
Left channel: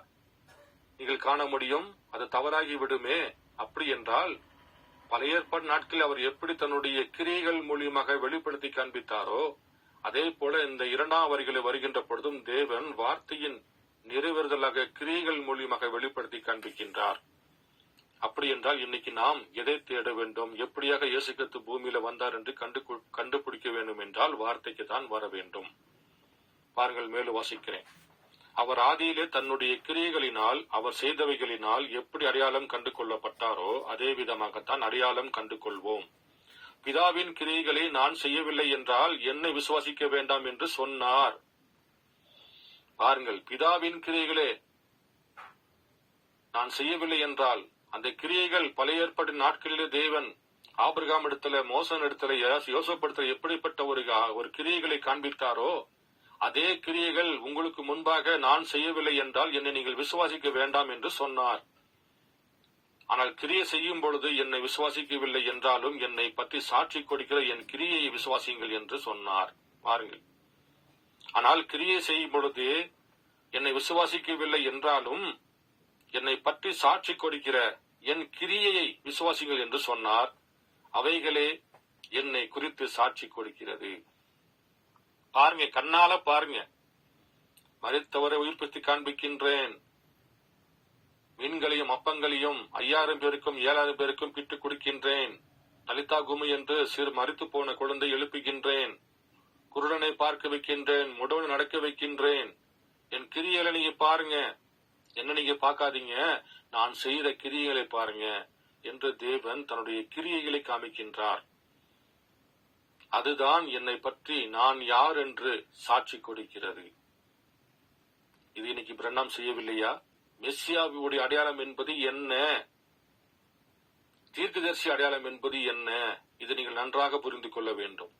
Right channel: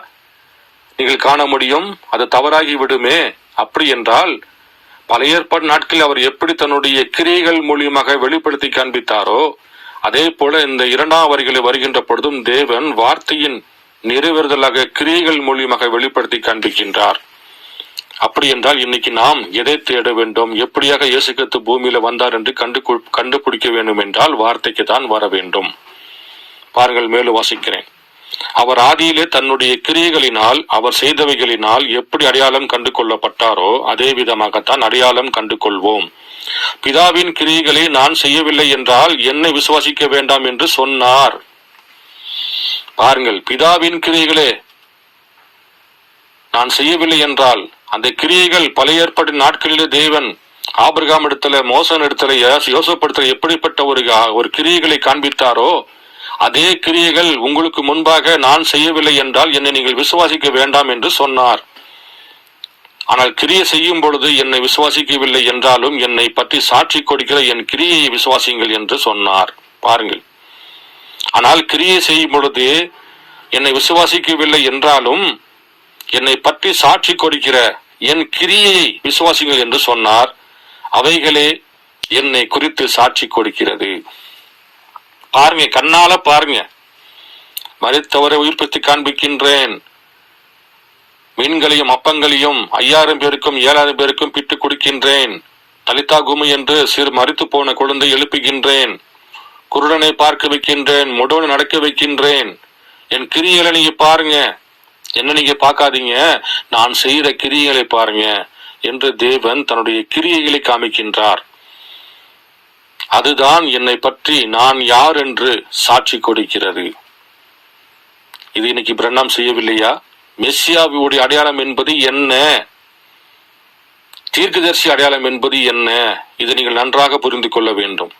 நீங்கள் காண முடியும்? அது தவறாகி விடுமே. அப்படி என்றால் பழைய ஏற்பாடு நாட்களில் அவர் எப்படி தன்னுடைய கிரியைகள் மூலியமாக வெளிப்படுத்தி காண்பித்தாரோ, அதே போல இந்த இரண்டாம் வரிகளை வருகின்ற பொழுதும் தேவன் வார்த்தையின் நிறைவேறுதலாக கிரியைகள் மூலியமாக வெளிப்படுத்தி காண்பிக்கின்றார். அப்படி என்றால் இன்னைக்கு நாம் எதை தேட வேண்டும்? எப்படியாக இயேசு கிறிஸ்து பூமியில வந்தார் என்று கண்டுபிடிக்க வேண்டும் என்றால் வார்த்தைக்கு தான் வர வேண்டும். பாருங்கள், மேலும் வாசிக்கிறேன். அவர் ஆதியிலே தன்னுடைய கிரியைகளினால், அவர் செய்தவைகளினால் எப்படி அடையாளம் கண்டு கொள்ளப்பட்டாரோ அதே விதமாகத்தான் அடையாளம் கண்டு கொள்வோம். பிதாவின் கிரியைகளை நான் செய்யவில்லை என்றால் என்னை விசுவாசிக்க வேண்டாம் என்று சொன்னார். பாருங்கள், பிதாவின் கிரியைகளே நான் செய்யவில்லை என்றால், அந்த கிரியைகள் பழைய ஏற்பாடு நாட்களிலே தேவன் ஆபிரகாம் இடத்துல, மோசன் இடத்துல, யோசேப்பு இடத்துல எப்படிப்பட்ட ஒரு கிரியைகளை காண்பித்தாரோ அதே கிரியைகள் உங்களுக்கு முன்பாக நான் செய்யவில்லை என்றால் என்னை நீங்கள் விசுவாசிக்க வேண்டாம் என்று சொன்னார். ஆனால் கிரியை செய்யும் பொழுது என்னை விசுவாசிக்கவில்லை என்றாலும் என்னை பற்றி சாட்சி கொடுக்கிற என் கிரியையை விசுவாசிங்கள் என்று சொன்னார். பாருங்கள், ஆனால் கிரியை செய்யும் பொழுது என்னை விசுவாசிக்கவில்லை என்றாலும் என்னை பற்றி சாட்சி கொடுக்கிற என் கிரியையை விசுவாசிங்கள் என்று சொன்னார். அவைகளே என்னை குறித்து சாட்சி கொடுக்கிறது. பாருங்க, கண்ணால பாருங்க. மரித்தவரை உயிர்ப்பித்து காண்பிக்கின்றேன், மீன்களையும் அப்பங்களையும் 5000 பேருக்கும் 7000 பேருக்கும் பிட்டு கொடுக்கின்றேன், தலிதா குமி என்று சிறு மரித்து போன குழந்தை எழுப்புகின்றேன், குருடனை பார்க்க வைக்கின்றேன், முடவனை நடக்க வைக்கின்றேன். என் கிரியைகளை நீங்க பாருங்க, என்ன நீங்க பார்க்காதீங்க, நான் செய்கிற கிரியைகளை பாருங்க என்று தேவன் தன்னுடைய கிரியைகளை காமிக்கின்றார். அதுதான் என்னை பற்றி நான் யார் என்று சாட்சி கொடுக்கிறது. இது இன்னைக்கு பிரண்ணாம் செய்யவில்லையா? மெஸ்ஸியாவுடைய அடையாளம் என்பது என்ன? தீர்க்கதரிசி அடையாளம் என்பது என்ன? இதை நீங்கள் நன்றாக புரிந்து கொள்ள வேண்டும்.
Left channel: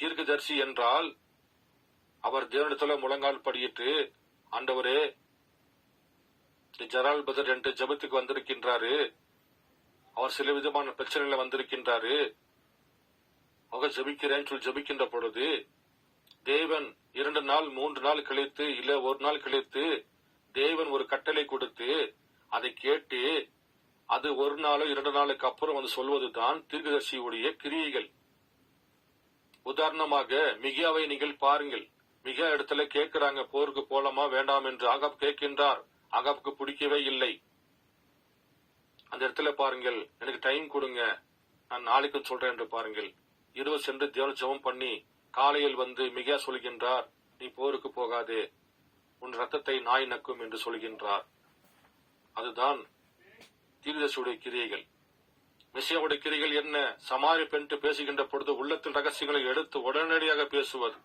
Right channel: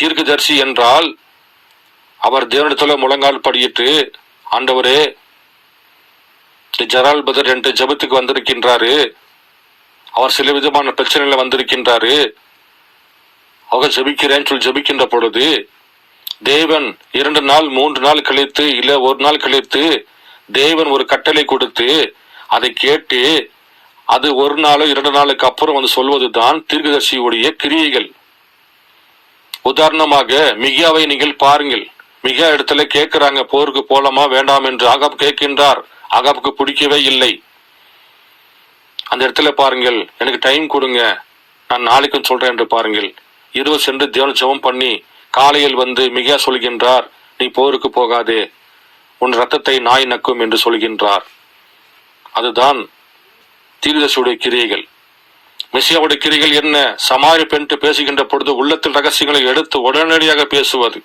தீர்க்கதரிசி என்றால் அவர் தேவனிடத்துல முழங்கால் படியிட்டு, ஆண்டவரே ஜெரால் பதர் என்று ஜெபத்துக்கு வந்திருக்கின்றாரு, அவர் சில விதமான பிரச்சனைகளை வந்திருக்கின்றாரு, அவர் ஜெபிக்கிறேன்னு சொல்லி ஜெபிக்கின்ற பொழுது தேவன் 2 நாள் 3 நாள் கழித்து, இல்ல 1 நாள் கழித்து தேவன் ஒரு கட்டளை கொடுத்து அதை கேட்டு அது 1 நாளோ 2 நாளுக்கு அப்புறம் வந்து சொல்வதுதான் தீர்க்கதரிசியுடைய கிரியைகள். உதாரணமாக மிகியாவை நீங்கள் பாருங்கள். மிகியா இடத்துல கேட்கிறாங்க, போருக்கு போலாமா வேண்டாம் என்று. ஆகாப் கேட்கின்றார், ஆகாப்புக்கு பிடிக்கவே இல்லை. அந்த இடத்துல பாருங்கள், எனக்கு டைம் கொடுங்க, நான் நாளைக்கும் சொல்றேன் என்று பாருங்கள். இரவு சென்று தேவனை ஜெபம் பண்ணி காலையில் வந்து மிகியா சொல்கின்றார், நீ போருக்கு போகாதே, உன் இரத்தத்தை நாய் நக்கும் என்று சொல்கின்றார். அதுதான் தீர்க்கதரிசியுடைய கிரியைகள். மெசியாவுடைய கிரியைகள் என்ன? சமாரி பெண் பேசுகின்ற பொழுது உள்ளத்தில் ரகசியங்களை எடுத்து உடனடியாக பேசுவது,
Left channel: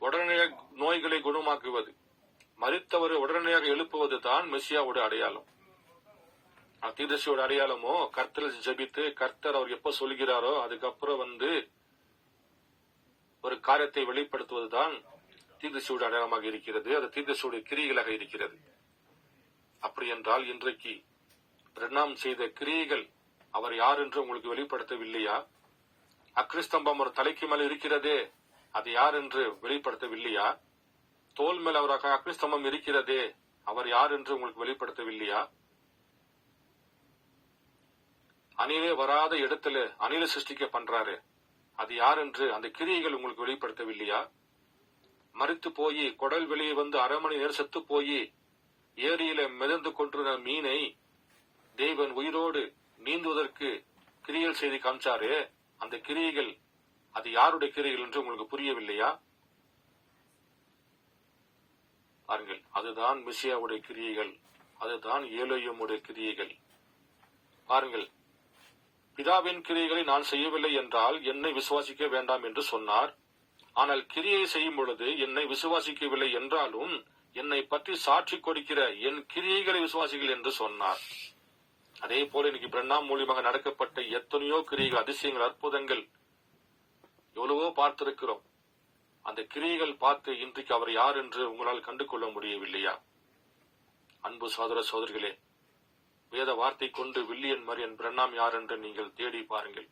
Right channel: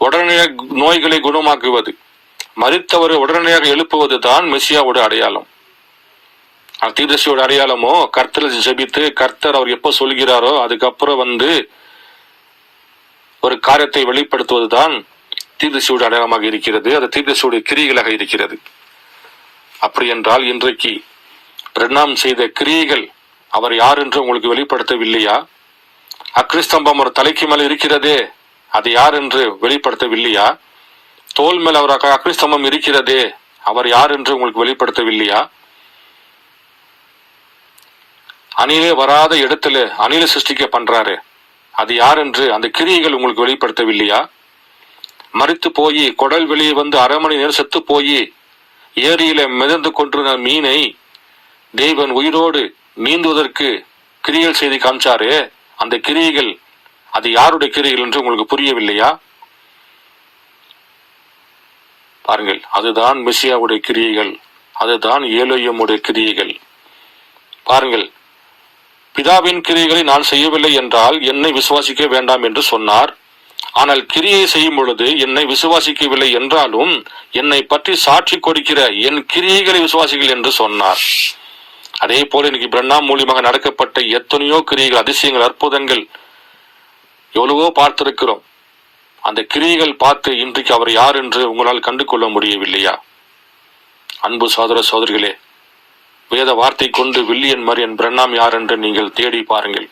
உடனடியாக நோய்களை குணமாக்குவது, மரித்தவரை உடனடியாக எழுப்புவது தான் மெசியாவுடைய அடையாளம். தீர்க்கதரிசியோட அடையாளமோ கர்த்தர் ஜெபித்து கர்த்தர் அவர் எப்போ சொல்கிறாரோ அதுக்கப்புறம் ஒரு காரியத்தை வெளிப்படுத்துவதுதான் தீர்க்கதரிசியோட அடையாளமாக இருக்கிறது. அது தீர்க்கதரிசியுடைய கிரியைகளாக இருக்கிறது. அப்படி என்றால் இன்றைக்கு பிரணாம் செய்த கிரியைகள் அவர் யார் என்று உங்களுக்கு வெளிப்படுத்தவில்லையா? அக்னிஸ்தம்பம் ஒரு தலைக்கு மேல் இருக்கிறதே, அது யார் என்று வெளிப்படுத்தவில்லையா? தோல் மேல் அவர் அக்னிஸ்தம்பம் இருக்கிறதே, அவர் யார் என்று உங்களுக்கு வெளிப்படுத்தவில்லையா? அணிலே வராத இடத்துல அணில சிருஷ்டிக்க பண்றாரு, அது யார் என்று அந்த கிரியைகள் உங்களுக்கு வெளிப்படுத்தவில்லையா? மரித்து போய் குடல் வெளியே அரை மணி நேரம் செத்து போய் ஏரியில மிதந்து கொண்டிருந்த மீனை தேவன் உயிரோடு நீந்துவதற்கு கிரியைகள் செய்து காமிச்சாரு. அந்த கிரியைகள் அது யாருடைய கிரியைகள் என்று உங்களுக்கு புரியவில்லையா? பாருங்கள், அதுதான் மெசியாவுடைய கிரியைகள், அதுதான் ஏலோயிமுடைய கிரியைகள். பாருங்கள், பிதாவின் கிரியைகளை நான் செய்யவில்லை என்றால் என்னை விசுவாசிக்க வேண்டாம் என்று சொன்னார். ஆனால் கிரியை செய்யும் பொழுது என்னை விசுவாசிக்கவில்லை என்றாலும் என்னை பற்றி சாட்சி கொடுக்கிற என் கிரியைகளை விசுவாசிகள் என்று சொன்னார். அதே போல இன்னைக்கு பிரண்ணாம் மூலியமாக நடக்கப்பட்ட எத்தனையோ கிரியைகள், அதிசயங்கள், அற்புதங்கள் எவ்வளவோ பார்த்திருக்கிறோம். அந்த கிரியைகள் பார்த்து இன்றைக்கு அவர் யார் என்று உங்களால் கண்டு கொள்ள முடியவில்லையா? அன்பு சகோதர சகோதரிகளே, வேத வார்த்தை கொண்டு வில்லியன் மரியன் பிரண்ணாம் யார் என்று நீங்கள் தேடி பாருங்கள்.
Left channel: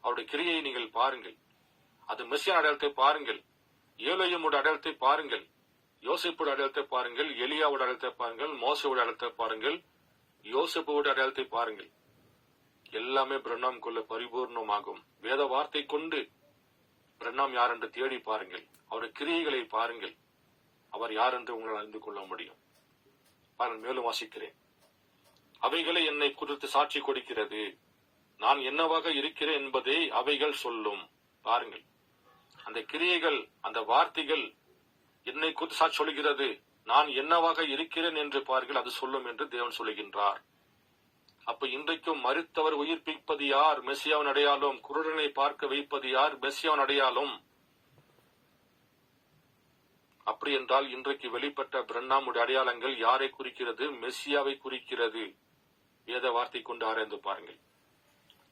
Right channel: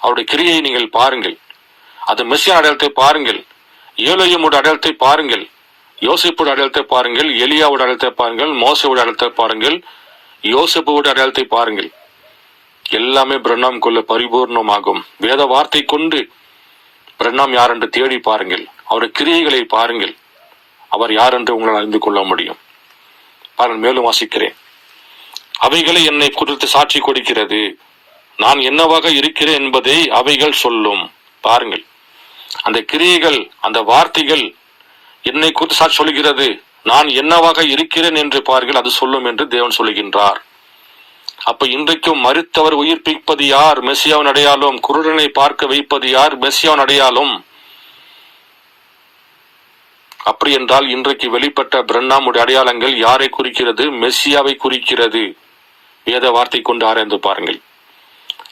அவருடைய கிரியை நீங்கள் பாருங்கள். அது மெசியா அடையாளத்தை பாருங்கள், ஏலோயிமுடைய அடையாளத்தை பாருங்கள், யோசிப்போட அடையாளத்தை பாருங்கள், எலியாவோட அடையாளத்தை பாருங்கள், மோசையோட அடையாளத்தை பாருங்கள், யோசிப்போட அடையாளத்தை பாருங்கள். எல்லாமே பிரண்ணாம் கொள்ள பரிபூர்ணமாகும். வேத வார்த்தை கொண்டு பிரண்ணாம் யார் என்று தேடி பாருங்கள், அவருடைய கிரியைகளை பாருங்கள், அவர் யார் என்று உங்களால் அறிந்து கொள்ள முடியும். பாருங்கள், மேலும் வாசிக்கிறேன். அவைகளை என்னை குறித்து சாட்சி கொடுக்கிறது, நான் என்னவாக இருக்கிறேன் என்பதை அவைகள் சொல்லும். பாருங்கள், அந்த கிரியைகள், அந்த வார்த்தைகள் என்னை குறித்து சாட்சி சொல்கிறது, நான் என்னவாக இருக்கிறேன் என்று பாருங்கள், அது சொல்லும் என்று தேவன் சொல்லுகின்றார். அப்ப இன்றைக்கும் மரித்தவர் உயிர்ப்பிப்பது யார்? மெசியாவின் அடையாளம். குருடனை பார்க்க வைப்பது யார்? மெசியாவின் அடையாளம். அப்படி என்றால் இன்றைக்கு வெளிப்பட்ட பிரண்ணாமுடைய அடையாளங்கள் யாரை குறிக்கிறது? மெசியாவை குறிக்கிறது. வேத வார்த்தை கொண்டு ஆராய்ந்து பாருங்கள்.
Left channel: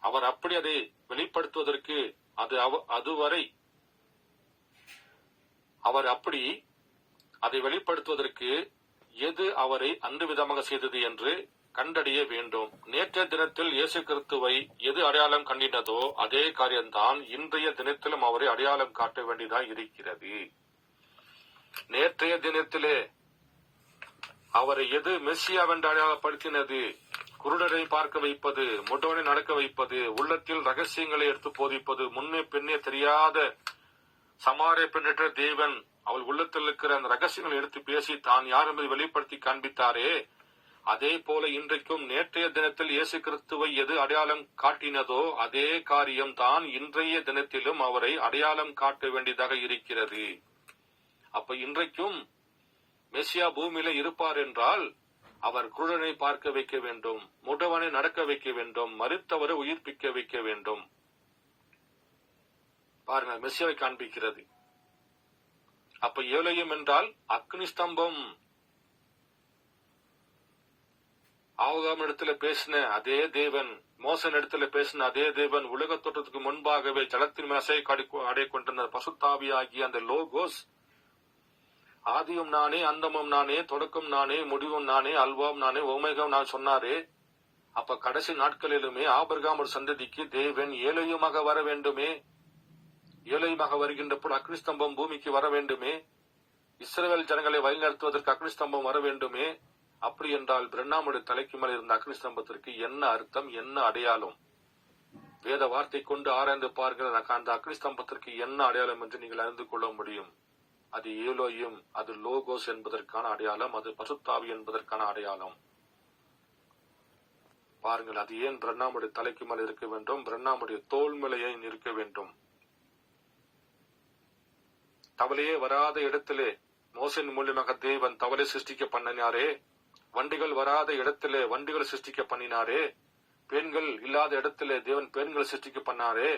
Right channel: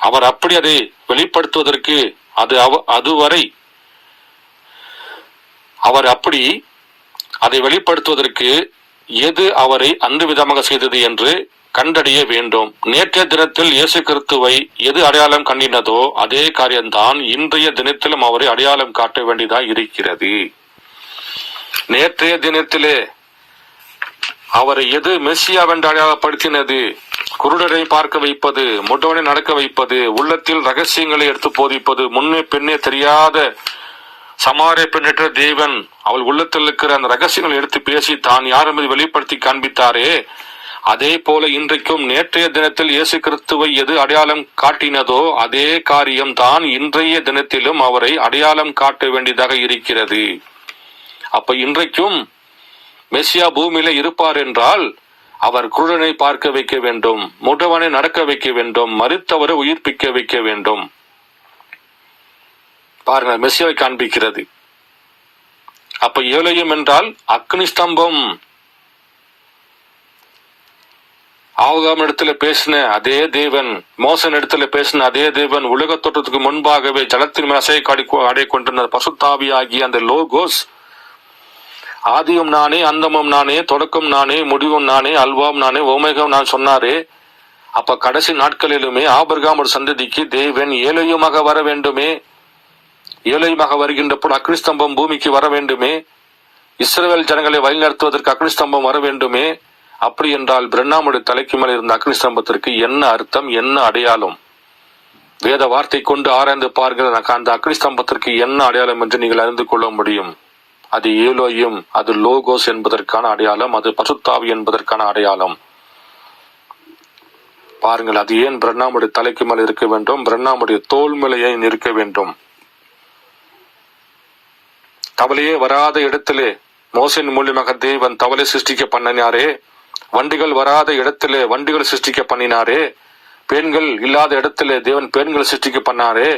அவர் அப்படி அதை வெளிப்படுத்துவதற்கு அதுவரை அவர் அப்படி அதை வெளிப்படுத்துவதற்கு எது அவரை அந்த விதமாக செய்தது என்று கண்டறிய வேண்டும். நேற்றைய தினத்தில் இயேசு கிறிஸ்துவை எது அடையாளம் கண்டினதோ அதே காரியம்தான் இன்றைய தினத்திலும் அவரை அடையாளம் காட்ட வேண்டியதா இருக்கிறது. நேற்றைய தினத்திலே அவரை எது மெசியாவென்று அடையாளப்படுத்தினது? குருடரை பார்க்க வைப்பது, முடவனை நடக்க வைப்பது, உள்ளத்தில் ரகசியங்களை எடுத்து போதிப்பது, முன்னே பெண்ணே தெரியாத சமாரிய பெண்ணற்ற தேவன் அவள் உள்ளத்தில் இருக்கிற அந்த ரகசியங்களை எடுத்து பேசி தான் யார் என்பதை வெளிப்படுத்தி காண்பித்தாரே, அதே போல இன்றைக்கும் நேற்றைய தினத்தில் இயேசு கிறிஸ்துவை எது அடையாளம் காட்டினதோ அதே காரியம் தான் இன்றைய தினத்திலும் அவரை அடையாளம் காட்ட வேண்டியதாக இருக்கிறது. அப்ப இன்றைக்கும் மெசியா பூமியில இருப்பார் என்றால் அவர் குருடனை பார்க்க வைக்க வேண்டும், முடவனை நடக்க வைக்க வேண்டும், மரித்தவரை உயிர்ப்பிக்க வைக்க வேண்டும். பாருங்க, மெசியாவை காண்பிக்கிறது. அப்ப ஏலோயிம் என்றால் அக்னி ஸ்தம்பம். ஆகாம் இடத்துல பேசின அதே தேவன், மோசன் இடத்துல பேசின அதே தேவன், உலக தோற்றத்துக்கு முன்பாகவே ஜலத்தின் மேல் அசையை அடைய கொண்டிருந்த பசுத்தாவி ஆகிய அந்த லோகோஸ், ஆதியும் நானே, அந்தமும் நானே, தொடக்கம் நானே, முடிவும் நானே, அல்வாம் நானே, ஓமேகம் நான் சொன்னாரே. அப்ப கடைசி நாட்களிலுமே ஆபிரகாம் ஒரு சந்ததிக்கு தேவன் ஏலோயிமாக வர வேண்டுமே, ஏலோயிமாக வருகின்ற போது அக்னிஸ்தம்பம் பூமிக்கு வர வேண்டுமே, இஸ்ரவேல் ஜனங்களை வழிநடத்துவதற்கு அக்னிஸ்தம்பம் வர வேண்டுமே. அப்படி என்றால் பிரண்ணாமுடைய தலைக்கு மேல் இருந்த அக்னிஸ்தம்பத்திற்கு என்ன அர்த்தம், என்ன அடையாளம்? வேத வார்த்தை கொண்டு ஆராய்ந்து பார்க்கிற அந்த அக்னிஸ்தம்பத்திற்கு என்ன அடையாளம் என்று நீங்கள் அறிந்து கொள்ள முடியும். அது ஏலோயும், அது லோகோஸ் என்பதற்கான அடையாளம், அது பசுத்தாவி என்பதற்கான அடையாளம். பாருங்கள், அது ஏன் பிரண்ணாமுடைய தலைக்கு மேல் இருக்க வேண்டும், பிரண்ணாமுடைய தோல் மேலே ஏன் இருக்க வேண்டும்? கவலையே வராத இடத்திலே மோசேயின் மூலியமாக தேவன் தவளை சிருஷ்டிக்க பண்ணினாரே, வண்டிகள் வராத இடத்திலே வண்டிகள் சிருஷ்டிக்க பண்ணினாரே, பெண்கள் இல்லாத இடத்துல தேவன் பெண்களை சிருஷ்டிக்க பண்ணாரே,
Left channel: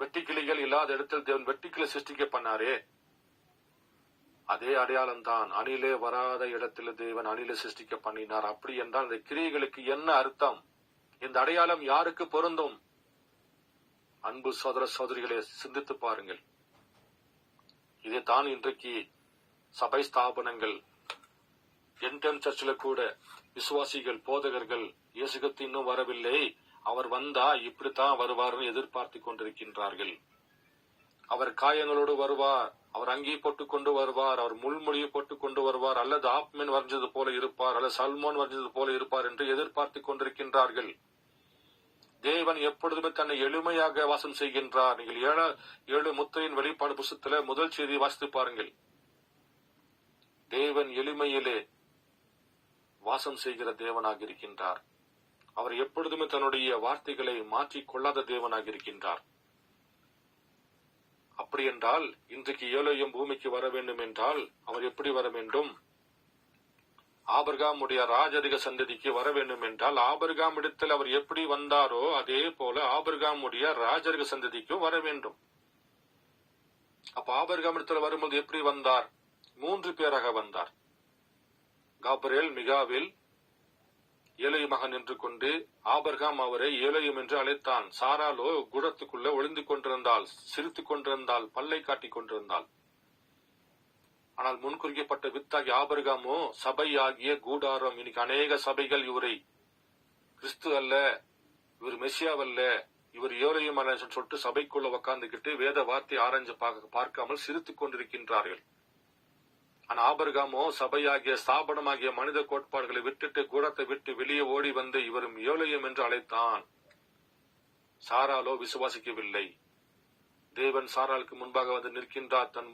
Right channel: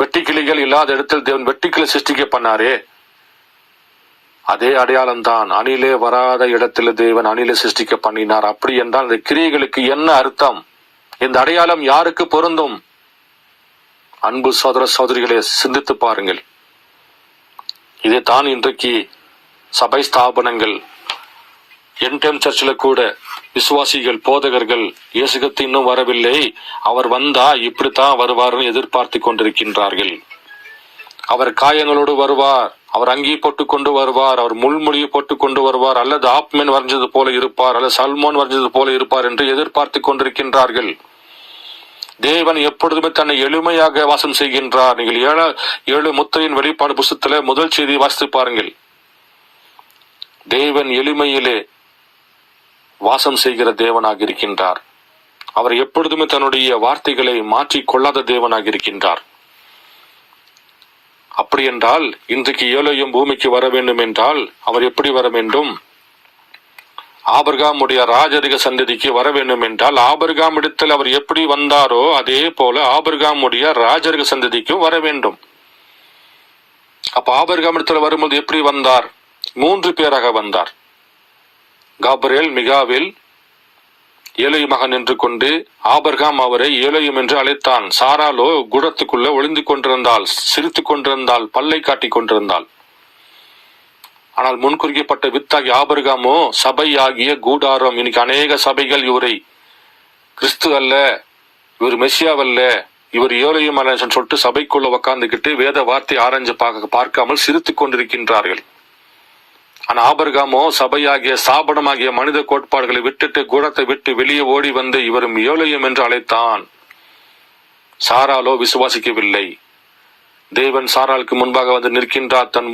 வெட்டிக்கிளிகள் இல்லாத இடத்தில் தேவன் வெட்டிக்கிளை சிருஷ்டிக்க பண்ணாரே. அதே அடையாளம் தான் அணிலே வராத இடத்துல தேவன் அணிலை சிருஷ்டிக்க பண்ணினார். அப்படி என்றால் இந்த கிரியைகளுக்கு என்ன அர்த்தம்? இந்த அடையாளம் யாருக்கு பொருந்தும்? அன்பு சகோதர சகோதரிகளை சிந்தித்து பாருங்கள். இதைத்தான் இன்றைக்கு சபை ஸ்தாபனங்கள், என்டைம் சர்ச்சில் கூட விசுவாசிகள், போதகர்கள் இயேசுகிறிஸ்து இன்னும் வரவில்லை, அவர் வந்தா இப்படித்தான் வருவார்னு எதிர்பார்த்து கொண்டிருக்கின்றார்கள். அவர் காயங்களோடு வருவார், அவர் அங்கி போட்டு கொண்டு வருவார், அவர் முள்மொழியை போட்டு கொண்டு வருவார், அல்லது ஆப்மேன் வரைஞ்சது போல இருப்பார், அல்லது சல்மோன் வரைஞ்சது போல இருப்பார் என்று எதிர்பார்த்து கொண்டிருக்கின்றார்கள். தேவன் எப்பொழுதுமே தன்னை எளிமையாக வாசம் செய்கின்றார். நீங்கள் ஏழு முத்திரையின் வெளிப்பாடு புஸ்தகத்துல முதல் செய்தி வாசித்து பாருங்கள். தேவன் எளிமையிலே வாசம் செய்கிற தேவனாக இருக்கின்றார். அவர் எப்பொழுதுமே தன்னுடைய வார்த்தைகளை மாற்றிக் கொள்ளாத தேவனாக இருக்கின்றார். அப்படி என்றால் இன்றைக்கு ஏலோயும் பூமிக்கு வர வேண்டும் என்றால் அவர் எப்படி வர வேண்டும்? ஆபிரகாமுடைய ராஜரிக சந்ததிக்கு வர வேண்டும் என்றால் ஆபிரகாம் இடத்தில் அவர் எப்படி வந்தாரோ அதே போல ஆபிரகாமுடைய ராஜரிக சந்ததிக்கும் வர வேண்டும். அப்ப ஆபிரகாம் இடத்துல வரும்போது எப்படி வந்தார்? 3 பேராக வந்தார். காபிரியேல், மிகாவேல், ஏலோயுமாக நின்று கொண்டு ஆபிரகாம் அவரை ஏலோயும் என்று அழைத்தான். சாராலோ குடத்துக்குள்ள ஒளிந்து கொண்டிருந்தாள், சிரித்து கொண்டிருந்தாள், பல்லை காட்டிக் கொண்டிருந்தாள். ஆனால் முன்குறிக்கப்பட்ட வித்தாகி ஆபிரகாமோ சபை ஆகிய கூடாரம். இன்னைக்கு அநேக சபைகள் இவரை கிறிஸ்து அல்ல, இவர் மெசியாவல்ல, இவர் ஏலோயும் அல்ல சொல்லிட்டு சபைக்குள்ள உக்காந்துக்கிட்டு வேத வார்த்தை ஆராய்ஞ்சு பார்க்காமல் சிரித்து கொண்டிருக்கின்றார்கள். ஆனா ஆபிரகாமோ சபையாகிய ஸ்தாபனமாகிய மனித கோட்பாடுகளை விட்டுட்டு கூடத்தை விட்டு வெளியே ஓடி வந்து இவரும் ஏலோயும் என்று அழைத்தான். சாராலோ விசுவாசிக்கவில்லை. தேவன் சாராளுக்கு முன்பாக வந்து நிற்கின்றார். தன்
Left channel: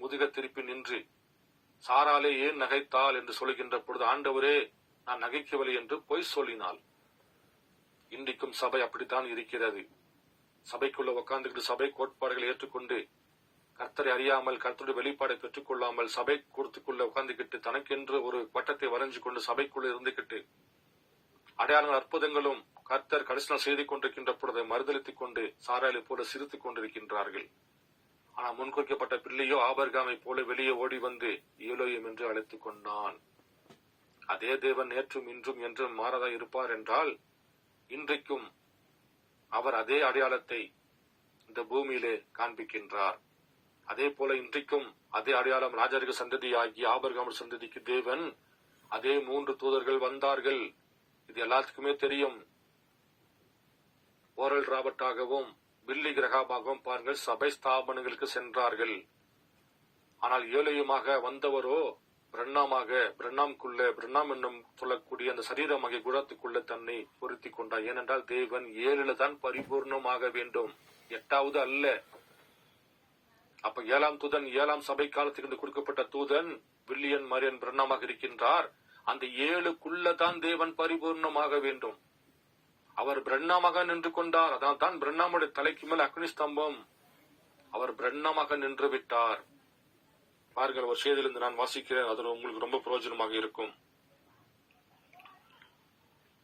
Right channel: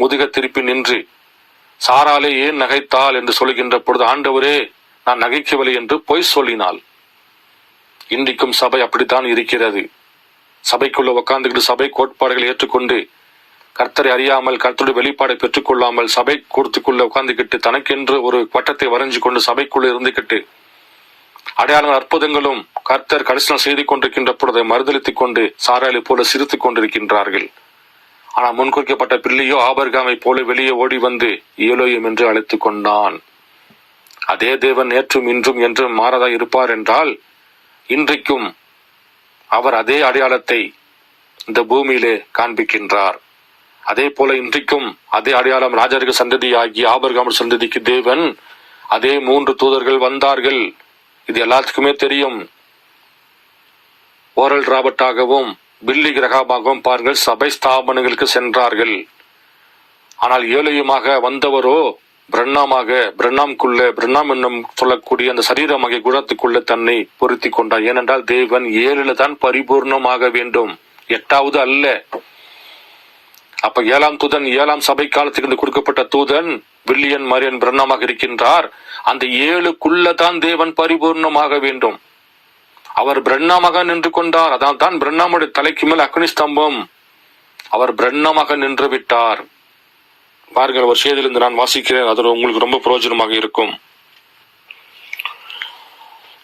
முதுக திருப்பி நின்று சாராலே ஏன் நகைத்தாள் என்று சொல்கின்ற பொழுது, ஆண்டவரே நான் நகைக்கவில்லை என்று பொய் சொல்லினாள். இன்றைக்கும் சபை அப்படித்தான் இருக்கிறது. சபைக்குள்ள உட்கார்ந்துக்கிட்டு சபை கோட்பாடுகளை ஏற்றுக்கொண்டு கர்த்தரை அறியாமல், கர்த்தருடைய வெளிப்பாடை பெற்றுக் கொள்ளாமல் சபை கூடத்துக்குள்ள உட்கார்ந்துக்கிட்டு தனக்கென்று ஒரு வட்டத்தை வரைஞ்சு கொண்டு சபைக்குள்ள இருந்துகிட்டு அடையாள அற்புதங்களும் கர்த்தர் கரிசனம் செய்து கொண்டிருக்கின்ற பொழுதை மறுதளித்துக் கொண்டு சாராளை போல சிரித்துக் கொண்டிருக்கின்றார்கள். ஆனால் முன்குறிக்கப்பட்ட பிள்ளையோ ஆபிரகாமை போல வெளியே ஓடி வந்து ஏலோயும் என்று அழைத்துக் கொண்டான். அதே தேவன் நேற்றும் இன்றும் என்றும் மாறதா இருப்பார் என்றால் இன்றைக்கும் அவர் அதே அடையாளத்தை இந்த பூமியிலே காண்பிக்கின்றார். அதே போல இன்றைக்கும் அதே அடையாளம் ராஜரிக சந்ததி ஆகிய ஆபிரகாம் சந்ததிக்கு தேவன் அதே 3 தூதர்கள் வந்தார்கள். இது எல்லாத்துக்குமே தெரியும். ஓரல் ராபர்ட்டாகவும் பில்லி கிரகாமாகவும் பாருங்கள் சபை ஸ்தாபனங்களுக்கு சென்றார்கள். ஆனால் ஏலோயுமாக வந்தவரோ பிரண்ணாம் என்னும் சொல்லக்கூடிய அந்த சரீரமாகிய குணத்துக்குள்ள தன்னை பொருத்தி கொண்டார். ஏனென்றால் தேவன் 7 தான் பரிபூர்ணமாக வேண்டும், 8வது அல்ல. அப்ப 7ஆம் தூதன் 7ஆம் சபை காலத்துக்கு கொடுக்கப்பட்ட தூதன் வில்லியன் மரியன் பிரண்ணாமாக இருக்கின்றார். அந்த 7க்குள்ளதான் தேவன் பரிபூர்ணமாக வேண்டும். அவர் பிரண்ணாமாக நின்று கொண்டார். அதான் தான் பிரண்ணாமுடைய தலைக்கு மேல் அக்னி ஸ்தம்பம். அவர் பிரண்ணாமாக நின்று விட்டார். பாருங்கள், ஒரு செய்தியிலிருந்து நான் வாசிக்கிறேன், அது உங்களுக்கு ரொம்ப பிரயோஜனமாக இருக்கும்.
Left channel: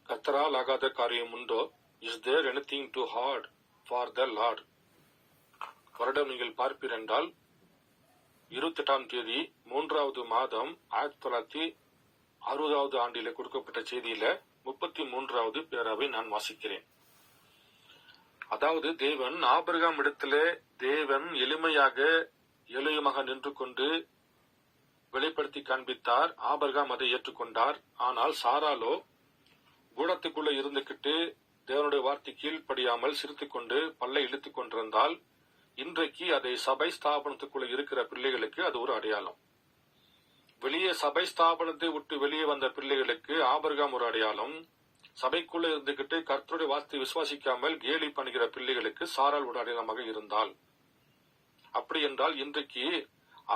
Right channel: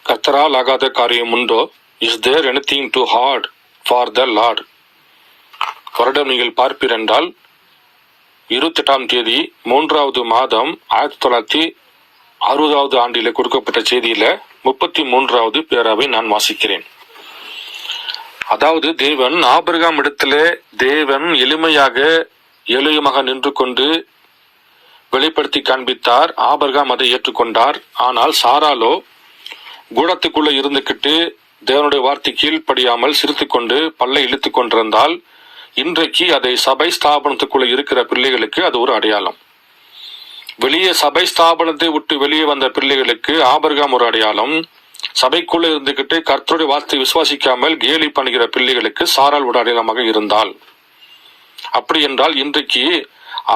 கர்த்தரால் ஆகாத காரியம் உண்டோ? Is there anything too hard for the Lord? வருடம் நீங்கள் பார்ப்பீர் என்றால் 28ஆம் தேதி 3வது மாதம் 1960வது ஆண்டில கொடுக்கப்பட்ட செய்தியில 33வது பேராவை நான் வாசிக்கிறேன். அதாவது தேவன் ஆபிரகாம் இடத்திலே தேவன் எளிமையாக ஏலோயுமாக நின்று கொண்டு வெளிப்படுத்தி காண்பித்தார். ஆபிரகாம் அதை ஏற்றுக்கொண்டார். ஆனால் சாராலோ கூடத்துக்குள்ள இருந்துகிட்டு தேவனுடைய வார்த்தை கீழ்ப்படியாமல் சிரித்து கொண்டு பல்லை இழுத்து கொண்டிருந்தால் இன்றைக்கு அதை சபை ஸ்தாபனத்துக்குள்ள இருக்கிற பிள்ளைகளுக்கு அது ஒரு அடையாளம். வெளியே சபை ஸ்தாபனத்தை விட்டு வெளியே வந்த பிள்ளைகளுக்கு ஆபிரகாம் ஒரு அடையாளம். சபைக்குள்ள இருந்துகிட்டு கர்த்தருடைய வார்த்தை விசுவாசிக்காமல் கேலி பண்ணுகிற பிள்ளைகளுக்கு சாரால் ஒரு அடையாளமாக இருந்தால், அப்படி என்றால் இன்றைக்கு